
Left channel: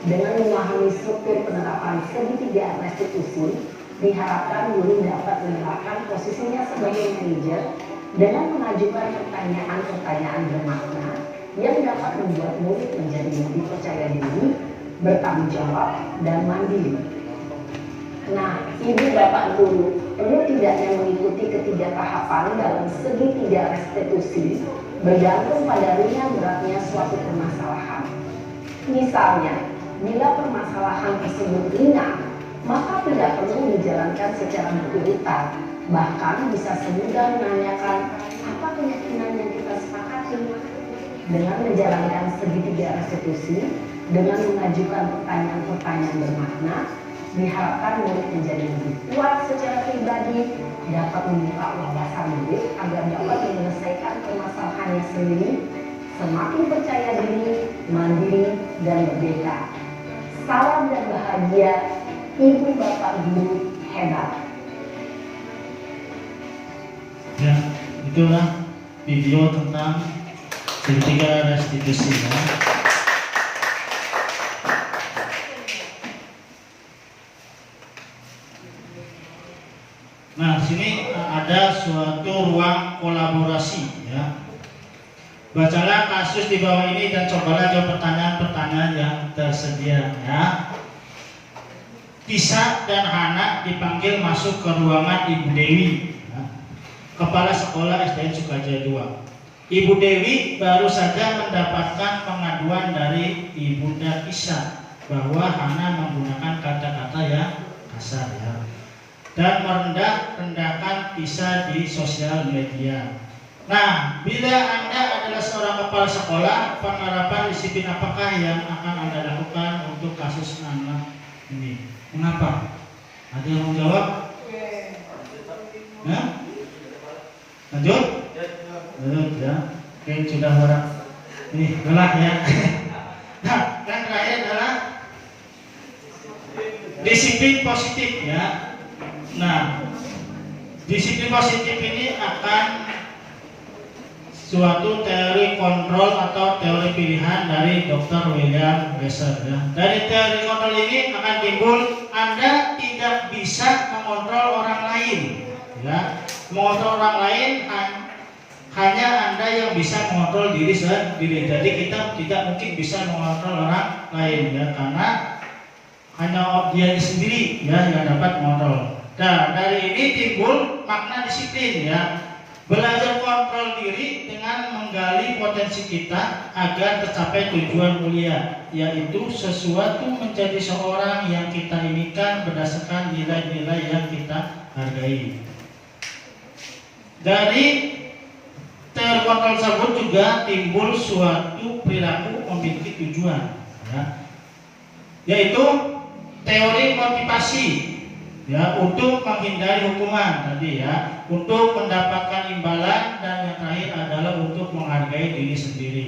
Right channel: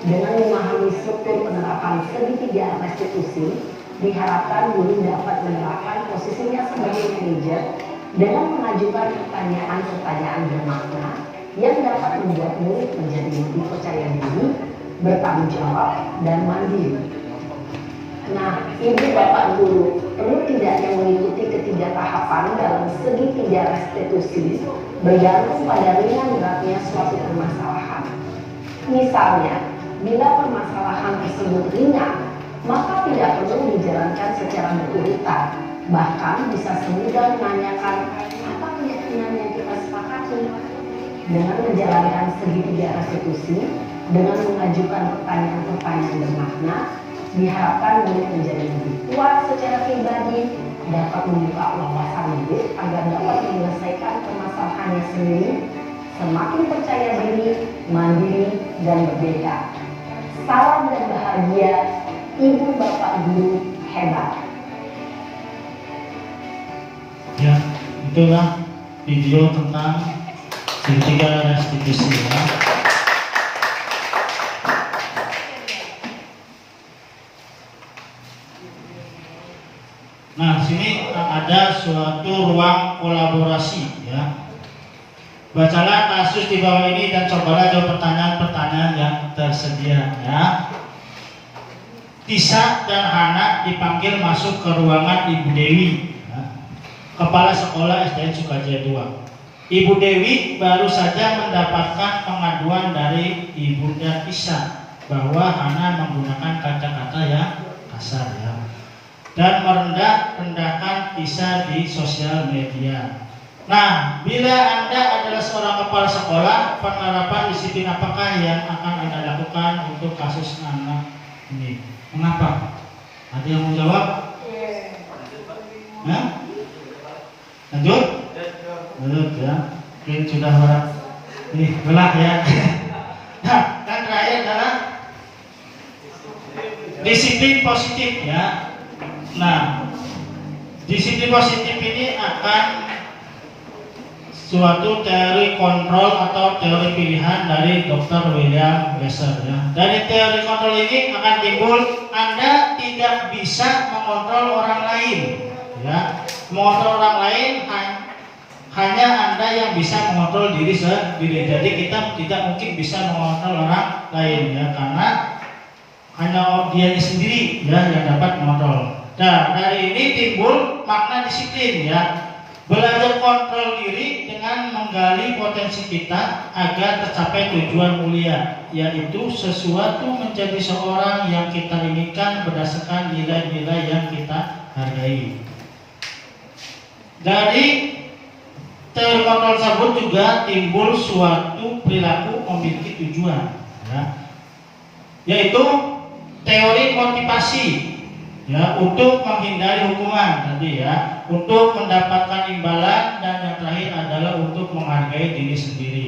Dengan memahami struktur penerapan segitiga restitusi, diharapkan guru dapat menerapkan posisinya sebagai manajer dengan mengajukan pertanyaan-pertanyaan bermakna yang dapat membuat murid menjadi lebih percaya diri, bertanggung jawab, dan mandiri. Nah, ibu bapak guru perlu tidaknya mengikuti ketiga tahapan dalam segitiga restitusi bergantung pada ringan beratnya suatu permasalahan. Misalnya, bila permasalahan tersebut ringan, maka tidak perlu dijalankan secara berurutan. Bahkan bisa semudah menanyakan apa keyakinan yang kita sepakati. Dengan menjalankan segitiga restitusi, dengan mengajukan pertanyaan-pertanyaan bermakna, diharapkan murid menjadi lebih kuat secara pribadi, dapat membuka wawasan murid agar dapat menyelesaikan permasalahannya sendiri, semakin percaya diri, mandiri, dan merdeka. Salam dan bahagia, ibu bapak guru hebat. Ya, itulah video tentang segitiga restitusi ya. Nah, sini ada suatu ruang kolaborasi ya. Bacalah kasus di bawah ini dan cobalah jawab pertanyaan-pertanyaan yang tersedia ya. Tisa dan Hana dipanggil masuk ke ruangan Ibu Dewi ya, Kepala Sekolah SDN Sukajaya 2. Ibu Dewi baru saja mendapatkan pengaduan dari Ibunda Tisa bahwa Hana menggunakan kata-kata yang kasar ya, dan merendah-rendahkan Tisa di sosial media. Nah, bila Anda adalah seorang kepala sekolah, penerapan disiplin apakah yang akan Anda lakukan untuk kasus anak ini? Mengapa? Ada yang mau jawab? Nah? Lanjut? Lanjut ya. Mungkin sudah orang ini lelah ya. Nah, yang terakhir adalah disiplin positif ya. Nah, disiplin positif ini akan suatu teori kontrol atau teori pilihan dari Dr. William Glasser ya. Dari teori kontrol ini akan timbul Anda tidak bisa mengontrol orang lain ya. Mengontrol orang lain hanya Anda yang bisa mengontrol diri sendiri. Jadi kita tidak mungkin bisa mengontrol orang lain ya, karena hanya dia sendiri ya yang dapat mengontrol. Nah, dari ini timbul makna disiplin ya. Belajar kontrol diri dengan menggali potensi kita agar tercapai tujuan mulia, yaitu sesuatu menjadi seorang yang kita inginkan berdasarkan nilai-nilai yang kita hargai. Dari teori kontrol tersebut juga timbul suatu perilaku memiliki tujuan ya, yaitu teori motivasi ya, untuk menghindari hukuman tadi ya, untuk mendapatkan imbalan, dan yang terakhir adalah untuk menghargai diri sendiri.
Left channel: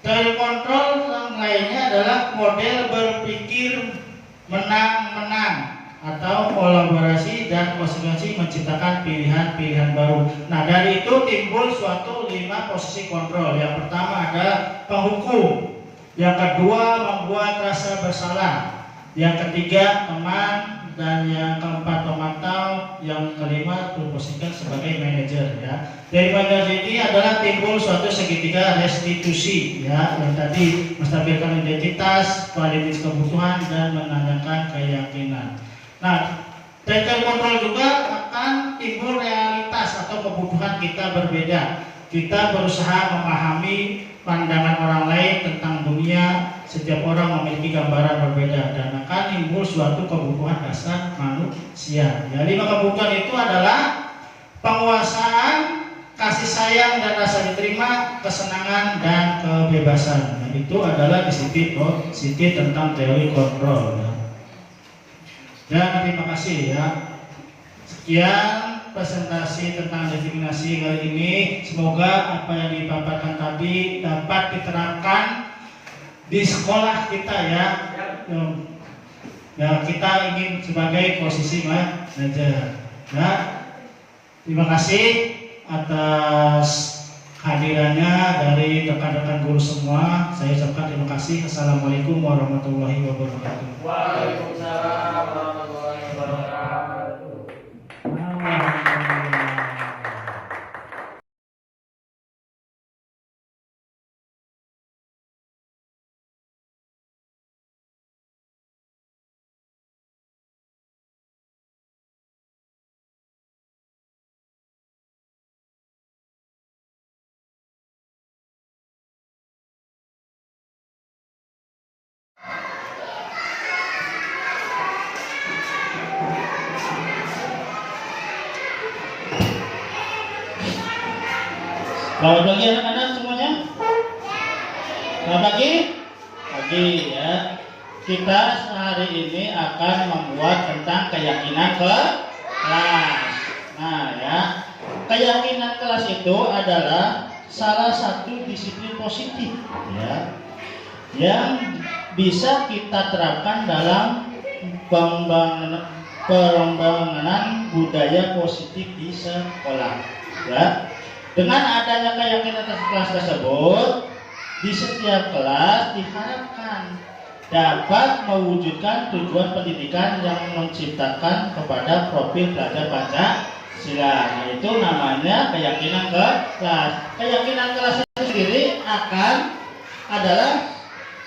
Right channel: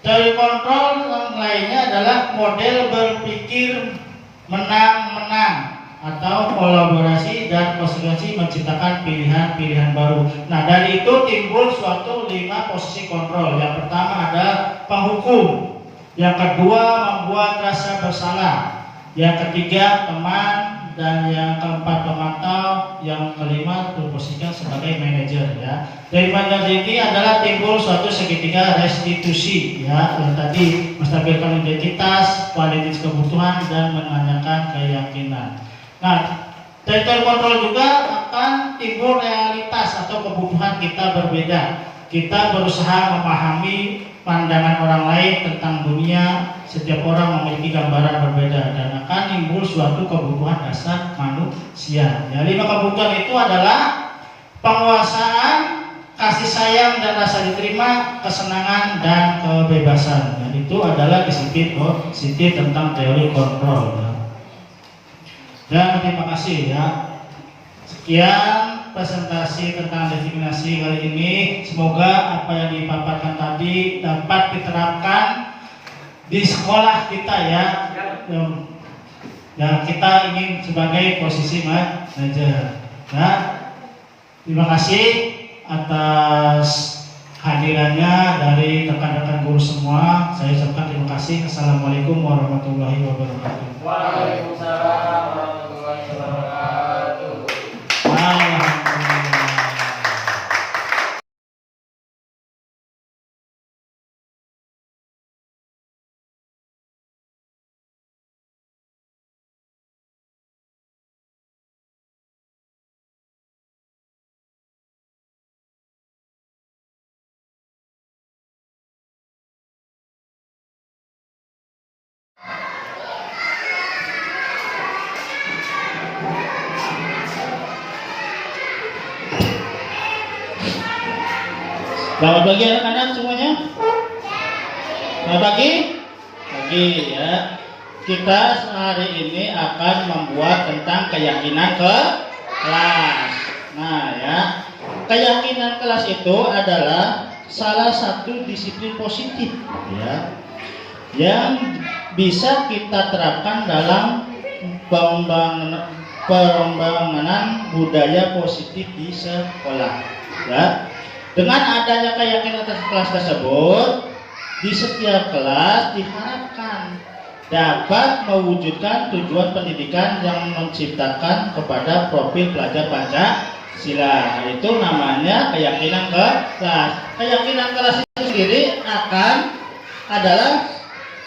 Teori kontrol yang lainnya adalah model berpikir menang-menang atau kolaborasi dan konsekuensi menciptakan pilihan-pilihan baru. Nah, dari itu timbul suatu 5 posisi kontrol. Yang pertama adalah penghukum, yang kedua membuat rasa bersalah, yang ketiga teman, dan yang keempat pemantau, yang kelima berposisikan sebagai manajer ya. Dari manajer ini adalah timbul suatu segitiga restitusi ya, yang tadi menstabilkan identitas, validitas kebutuhan, dan menanyakan keyakinan. Nah, dari teori kontrol juga akan timbul realitas atau kebutuhan kita berbeda. Kita berusaha memahami pandangan orang lain tentang dunia. Setiap orang memiliki gambaran berbeda dan akan timbul suatu kebutuhan dasar manusia. Ya, 5 kebutuhan itu adalah penguasaan, kasih sayang dan rasa diterima, kesenangan dan kebebasan. Nah, itu adalah disiplin positif tentang teori kontrol. Ya, terima kasih ya. Sekian presentasi tentang diskriminasi kali ini. Semoga apa yang dipaparkan tadi dapat diterapkan di sekolah kita ya. Nah, kita ingin sebagai posisi manajer. Nah, terima kasih atas hadirannya dari rekan-rekan guru semua. Saya ucapkan terima kasih. Assalamualaikum warahmatullahi wabarakatuh. Waalaikumsalam warahmatullahi wabarakatuh. Alhamdulillah. Selamat pagi anak-anak semuanya. Selamat pagi. Pagi ya. Kita hari ini akan membuat tentang keyakinan kelas. Nah ya, keyakinan kelas itu adalah salah satu disiplin positif ya, yang bisa kita terapkan dalam pengembangan budaya positif di sekolah ya. Dengan adanya keyakinan kelas tersebut, di setiap kelas diharapkan dapat mewujudkan tujuan pendidikan yang menciptakan kepada profil pelajar Pancasila. Itu namanya keyakinan kelas. Keyakinan kelas itu sendiri adalah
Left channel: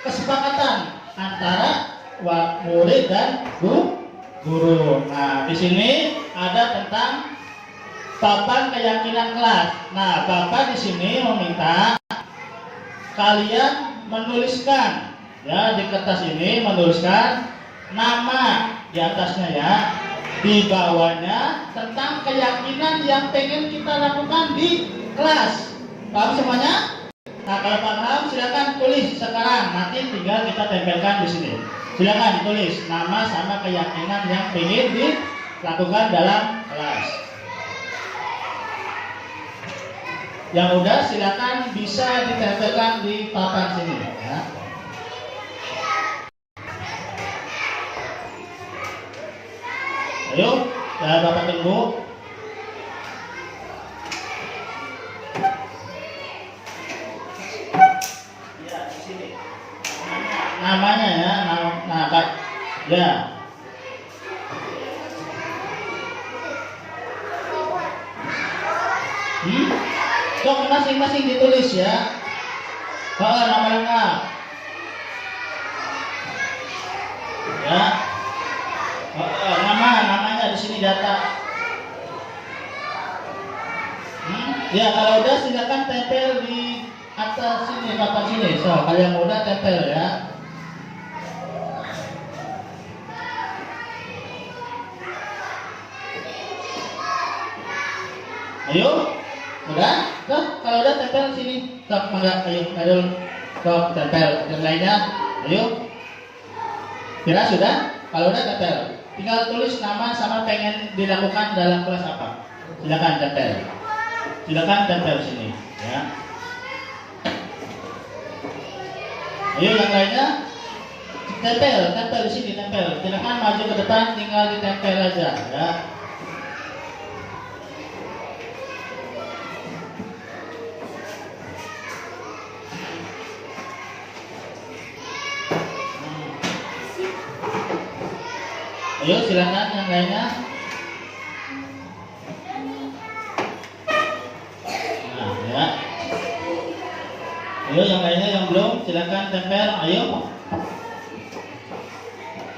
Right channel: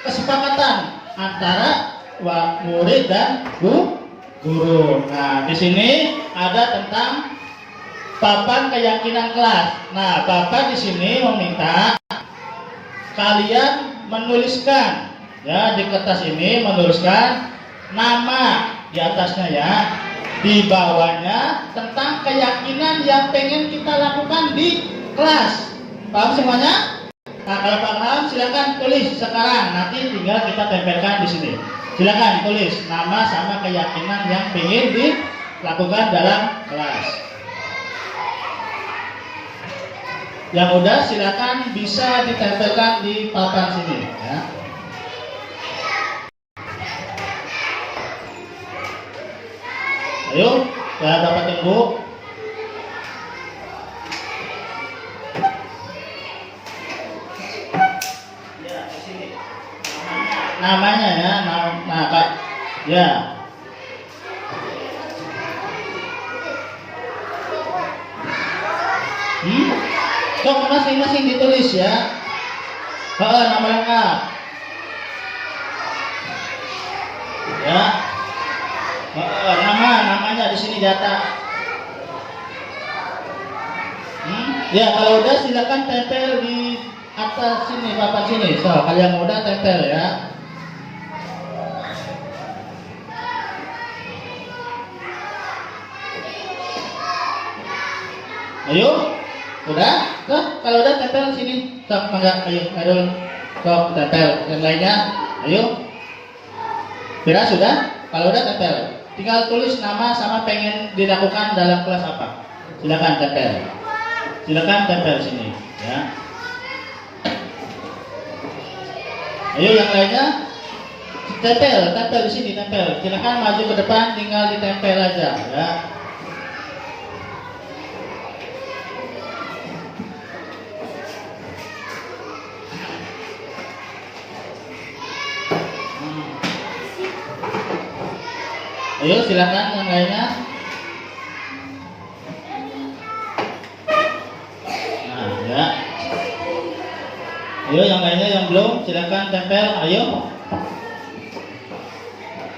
kesepakatan antara murid dan guru. Nah, di sini ada tentang papan keyakinan kelas. Nah, Bapak di sini meminta kalian menuliskan ya, di kertas ini menuliskan nama di atasnya ya, di bawahnya tentang keyakinan yang pengen kita lakukan di kelas. Paham semuanya? Nah, kalau paham silakan tulis sekarang, nanti tinggal kita tempelkan di sini. Silakan tulis nama sama keyakinan yang pengen dilakukan dalam kelas. Yang udah silakan bisa ditempelkan di papan sini ya. Ayo, ya Bapak tunggu. Ya, di sini. Namanya ya, nah Pak. Ya. Sok masing-masing ditulis ya. Nama lengkap. Ya. Namanya di sini data. Ya, kalau udah silakan tempel di atas sini, papan sini. So, kalian udah tempel ya. Ayo. Udah? Tuh, kalau udah tempel sini. Tuh, mangga, ayo tempel. Yang lainnya, ayo. Kira sudah? Kalau udah tempel. Tinggal tulis nama sama pengen dilakukan dalam kelas apa. Silakan tempel. Silakan tempel sini, ya. Ayo yang lainnya tempel di sini, tempel. Silakan maju ke depan, tinggal ditempel aja, ya. Ayo silakan yang lainnya. Nah, ya. Ayo yang lainnya yang belum silakan tempel. Ayo.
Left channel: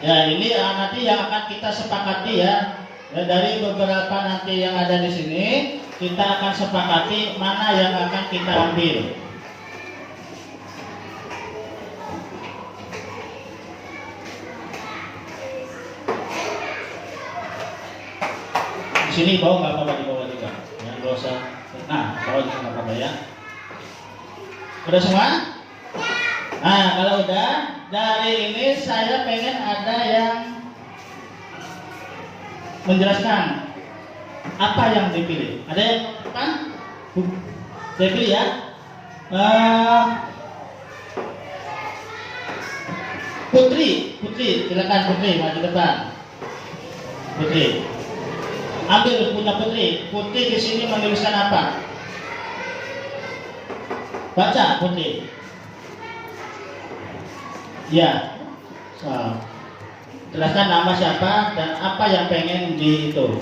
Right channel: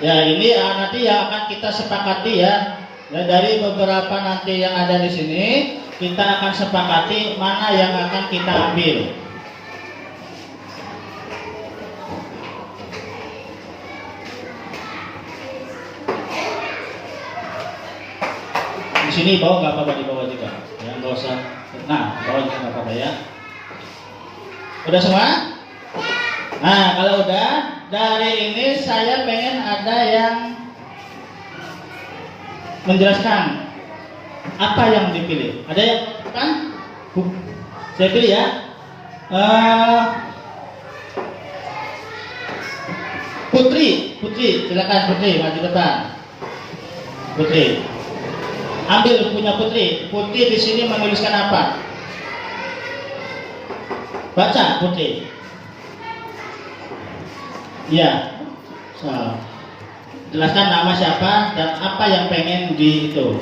Ya, ini nanti yang akan kita sepakati ya. Ya, dari beberapa nanti yang ada di sini, kita akan sepakati mana yang akan kita ambil. Di sini bawa nggak apa-apa, di bawah juga ya, nggak usah. Nah, bawah juga nggak apa-apa ya. Udah semua? Nah, kalau udah, dari ini saya pengen ada yang menjelaskan apa yang dipilih. Ada yang kan? Saya pilih ya. Putri Putri, silakan Putri maju depan. Putri, ambil punya Putri. Putri di sini menuliskan apa? Baca Putri. Ya, so, jelaskan nama siapa dan apa yang pengen di itu.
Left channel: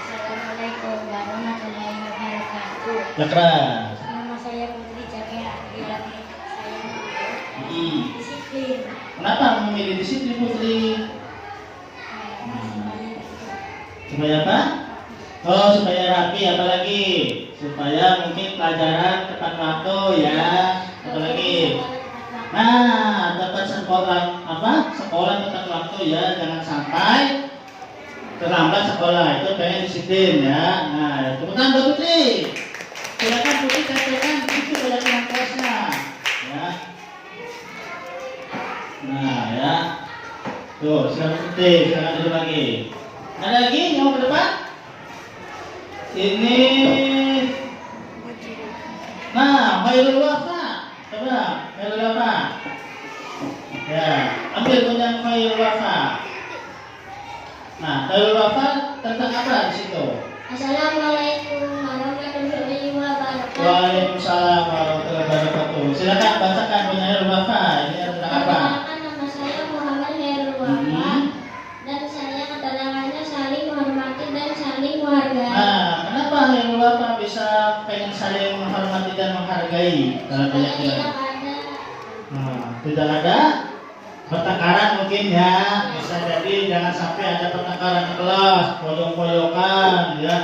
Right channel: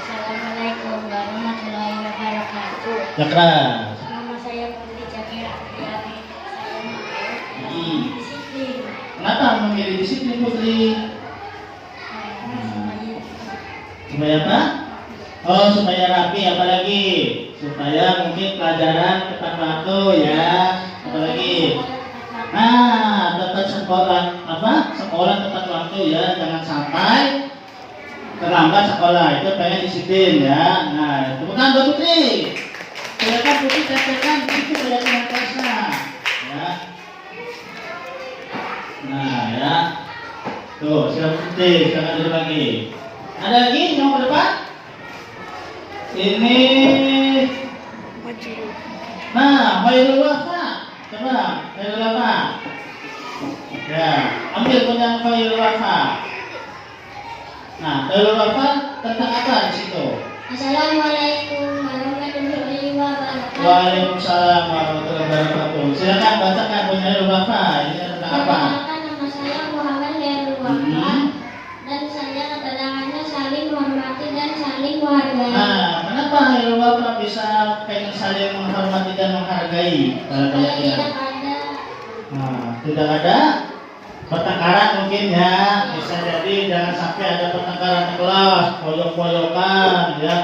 Assalamualaikum warahmatullahi wabarakatuh. Keras. Nama saya Putri Cakera. Saya mau disiplin. Kenapa memilih disiplin Putri? Supaya apa? Oh, supaya rapi, apalagi supaya mungkin pelajaran tepat waktu ya, apalagi. Nah, dapat sekolah tepat waktu ya, jangan sampai terlambat sekolah, itu pengen disiplin ya. Nah, temukan buat Putri. Silakan Putri tempelkan di situ kelihatan kelasnya ya. Nah ya, tuh silakan Putri, silakan duduk lagi. Ada lagi yang ke depan? Ini, nah, Khairul Wafa, coba Khairul Wafa. Ya, ambil yang Khairul Wafa. Nah, Khairul Wafa tentang apa di situ? Assalamualaikum warahmatullahi wabarakatuh. Waalaikumsalam warahmatullahi wabarakatuh. Silakan bacakan Khairul Wafa. Ini tentang apa? Perkenalkan, nama saya Muhammad Khairul Wafa dan saya keterangannya saling menghormati dan saling menghargai. Nah, kenapa Khairul Wafa bisa pengen saling menghormati dan menghargai dalam keyakinan? Tidak ada. Nah, tidak ada pertengkaran mungkin ya, bisa jadi jangan sampai ada pertengkaran di kelas, poyok-poyokan ya,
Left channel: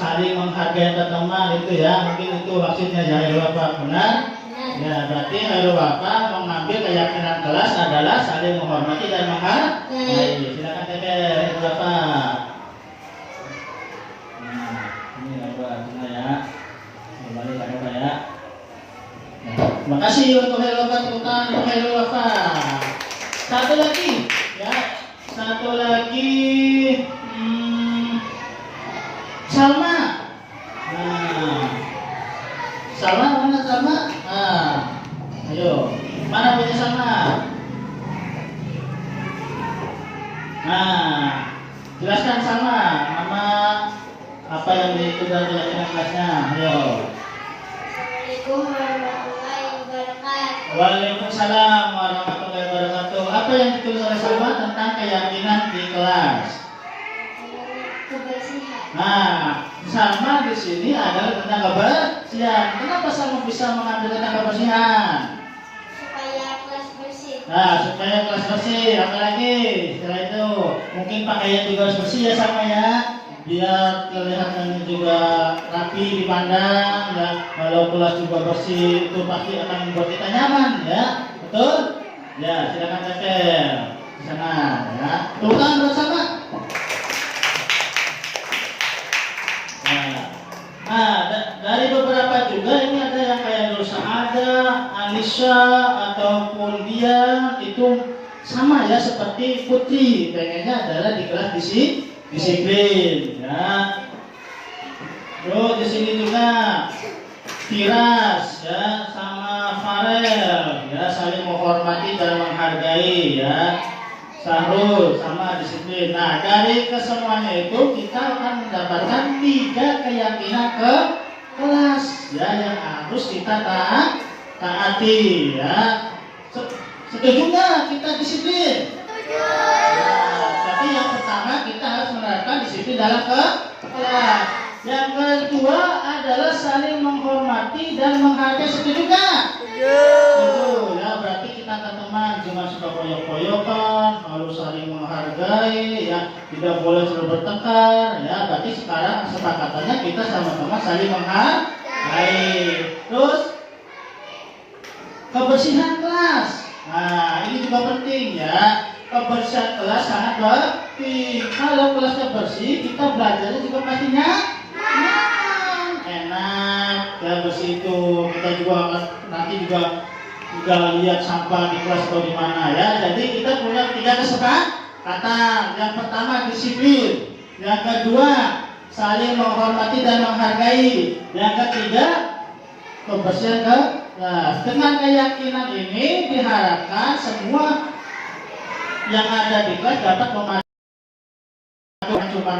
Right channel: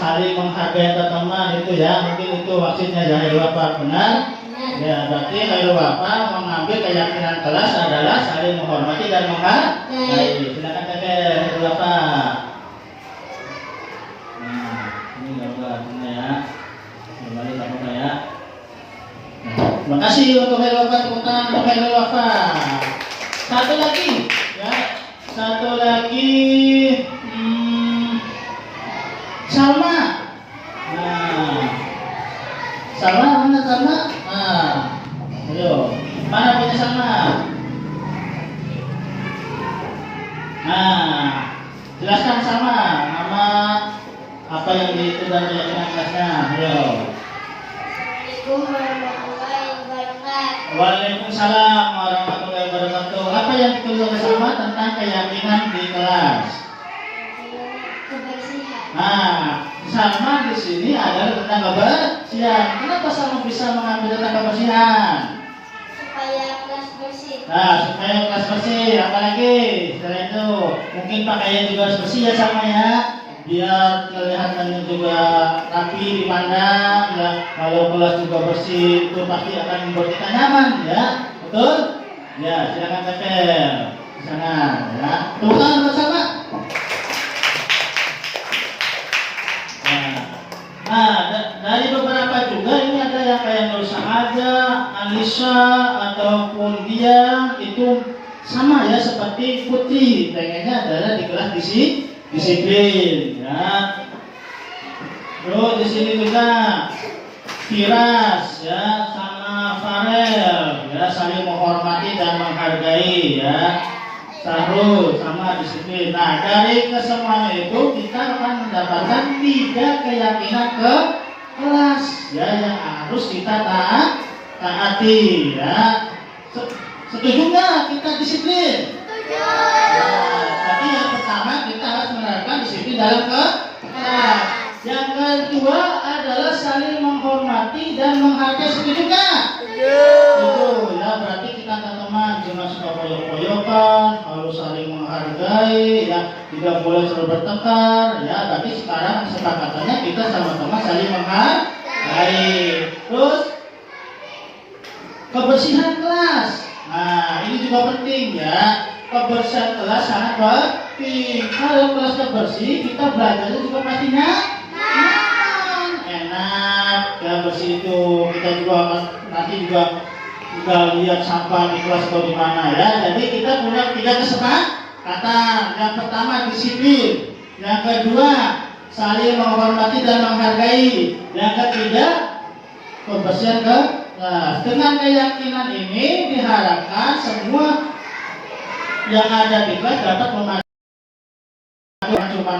saling menghargai teman itu ya, mungkin itu maksudnya ya Khairul Wafa, benar? Ya, berarti Khairul Wafa mengambil keyakinan kelas adalah saling menghormati dan menghargai. Silakan Teteh Khairul Wafa. Nah, ini gambar ya, kembali tak apa ya. Terima kasih untuk Khairul Wafa, tepuk tangan untuk Khairul Wafa. Satu lagi, ya, satu lagi, Salma. Nah, Salma mana Salma? Nah, ayo, mana punya Salma? Nah, jelaskan Salma, nama apa yang itu dari kelasnya? Ayo. Assalamualaikum warahmatullahi wabarakatuh. Waalaikumsalam warahmatullahi wabarakatuh. Apa yang ditulis oleh Salma tentang keyakinan di kelas? Kebersihan. Nah, Salma di sini adalah tentang kebersihan. Kenapa Salma bisa mengambil tentang kebersihan? Supaya kelas bersih. Nah, supaya kelas bersih. Apalagi setelah itu mungkin pakaian juga harus bersih ya Salma ya. Biar kelihatannya juga rapi dipandang ya. Kalau kelas juga bersih itu pasti akan membuat kita nyaman ya. Betul? Ya, silakan tempel di sana ya. Tepuk tangan bersama. Nah, dari beberapa juga ini ada yang kayak Nur Sa'ada, Alisa ataupun dia itu sama ya seperti Putri. Pengennya adalah di kelas disiplin ya. Terus di sini juga Firas ya sama Farel ya saling menghormati dan menghargai ya. Sahrul sama disiplin. Nah, dari kesemuanya itu kita akan mendapatkan 3 keyakinan ke kelas ya yang harus kita taati ya. Setuju nggak kita disiplin? Setuju. Nah, tapi yang pertama kita harus menerapkan disiplin dalam kelas. Yang kedua adalah saling menghormati dan menghargai. Setuju nggak? Setuju. Ya, berarti kita teman-teman jangan suka koyok-koyokan, harus saling menghargai, ya tidak boleh selalu bertengkar. Ya, berarti sekarang kesepakatannya kita sama-sama saling menghargai. Terus kebersihan kelas. Nah, ini juga penting ya. Kebersihan kelas sangat penting. Kalau kelasnya bersih, kita belajarnya juga pastinya enak ya, bersih itu kita juga nanti juga lihat sampah di kelas atau di mana ya. Jadi kita punya 3 kesepakatan. Yang pertama disiplin, yang kedua saling menghormati dan menghargai, yang ketiga kebersihan kelas. Dengan keyakinan ini diharapkan semua yang ada di kelas dapat memadu cuma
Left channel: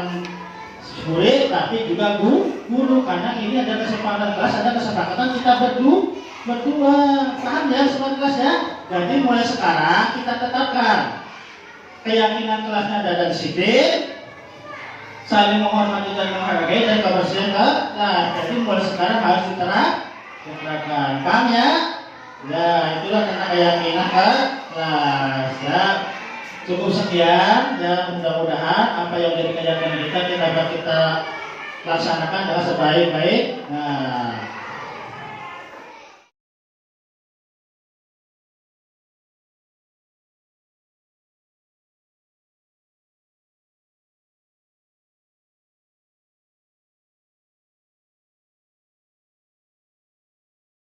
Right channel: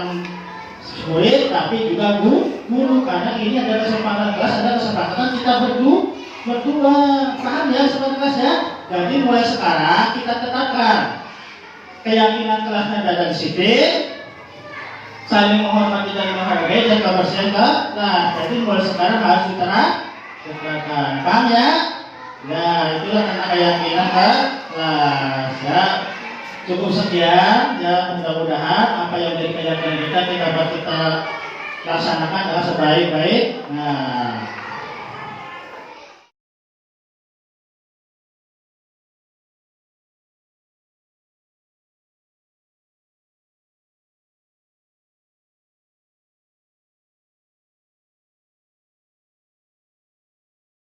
murid tapi juga guru, karena ini ada kesepakatan kelas, ada kesepakatan kita berdua, paham ya sobat kelas ya. Jadi mulai sekarang kita tetapkan keyakinan kelasnya ada disiplin, saling menghormati dan menghargai, dan kebersihan kelas. Jadi mulai sekarang harus diterapkan, paham ya? Ya, itulah tentang keyakinan kelas ya. Cukup sekian ya, mudah-mudahan apa yang menjadi keyakinan kita dapat kita laksanakan dengan sebaik-baik. Nah,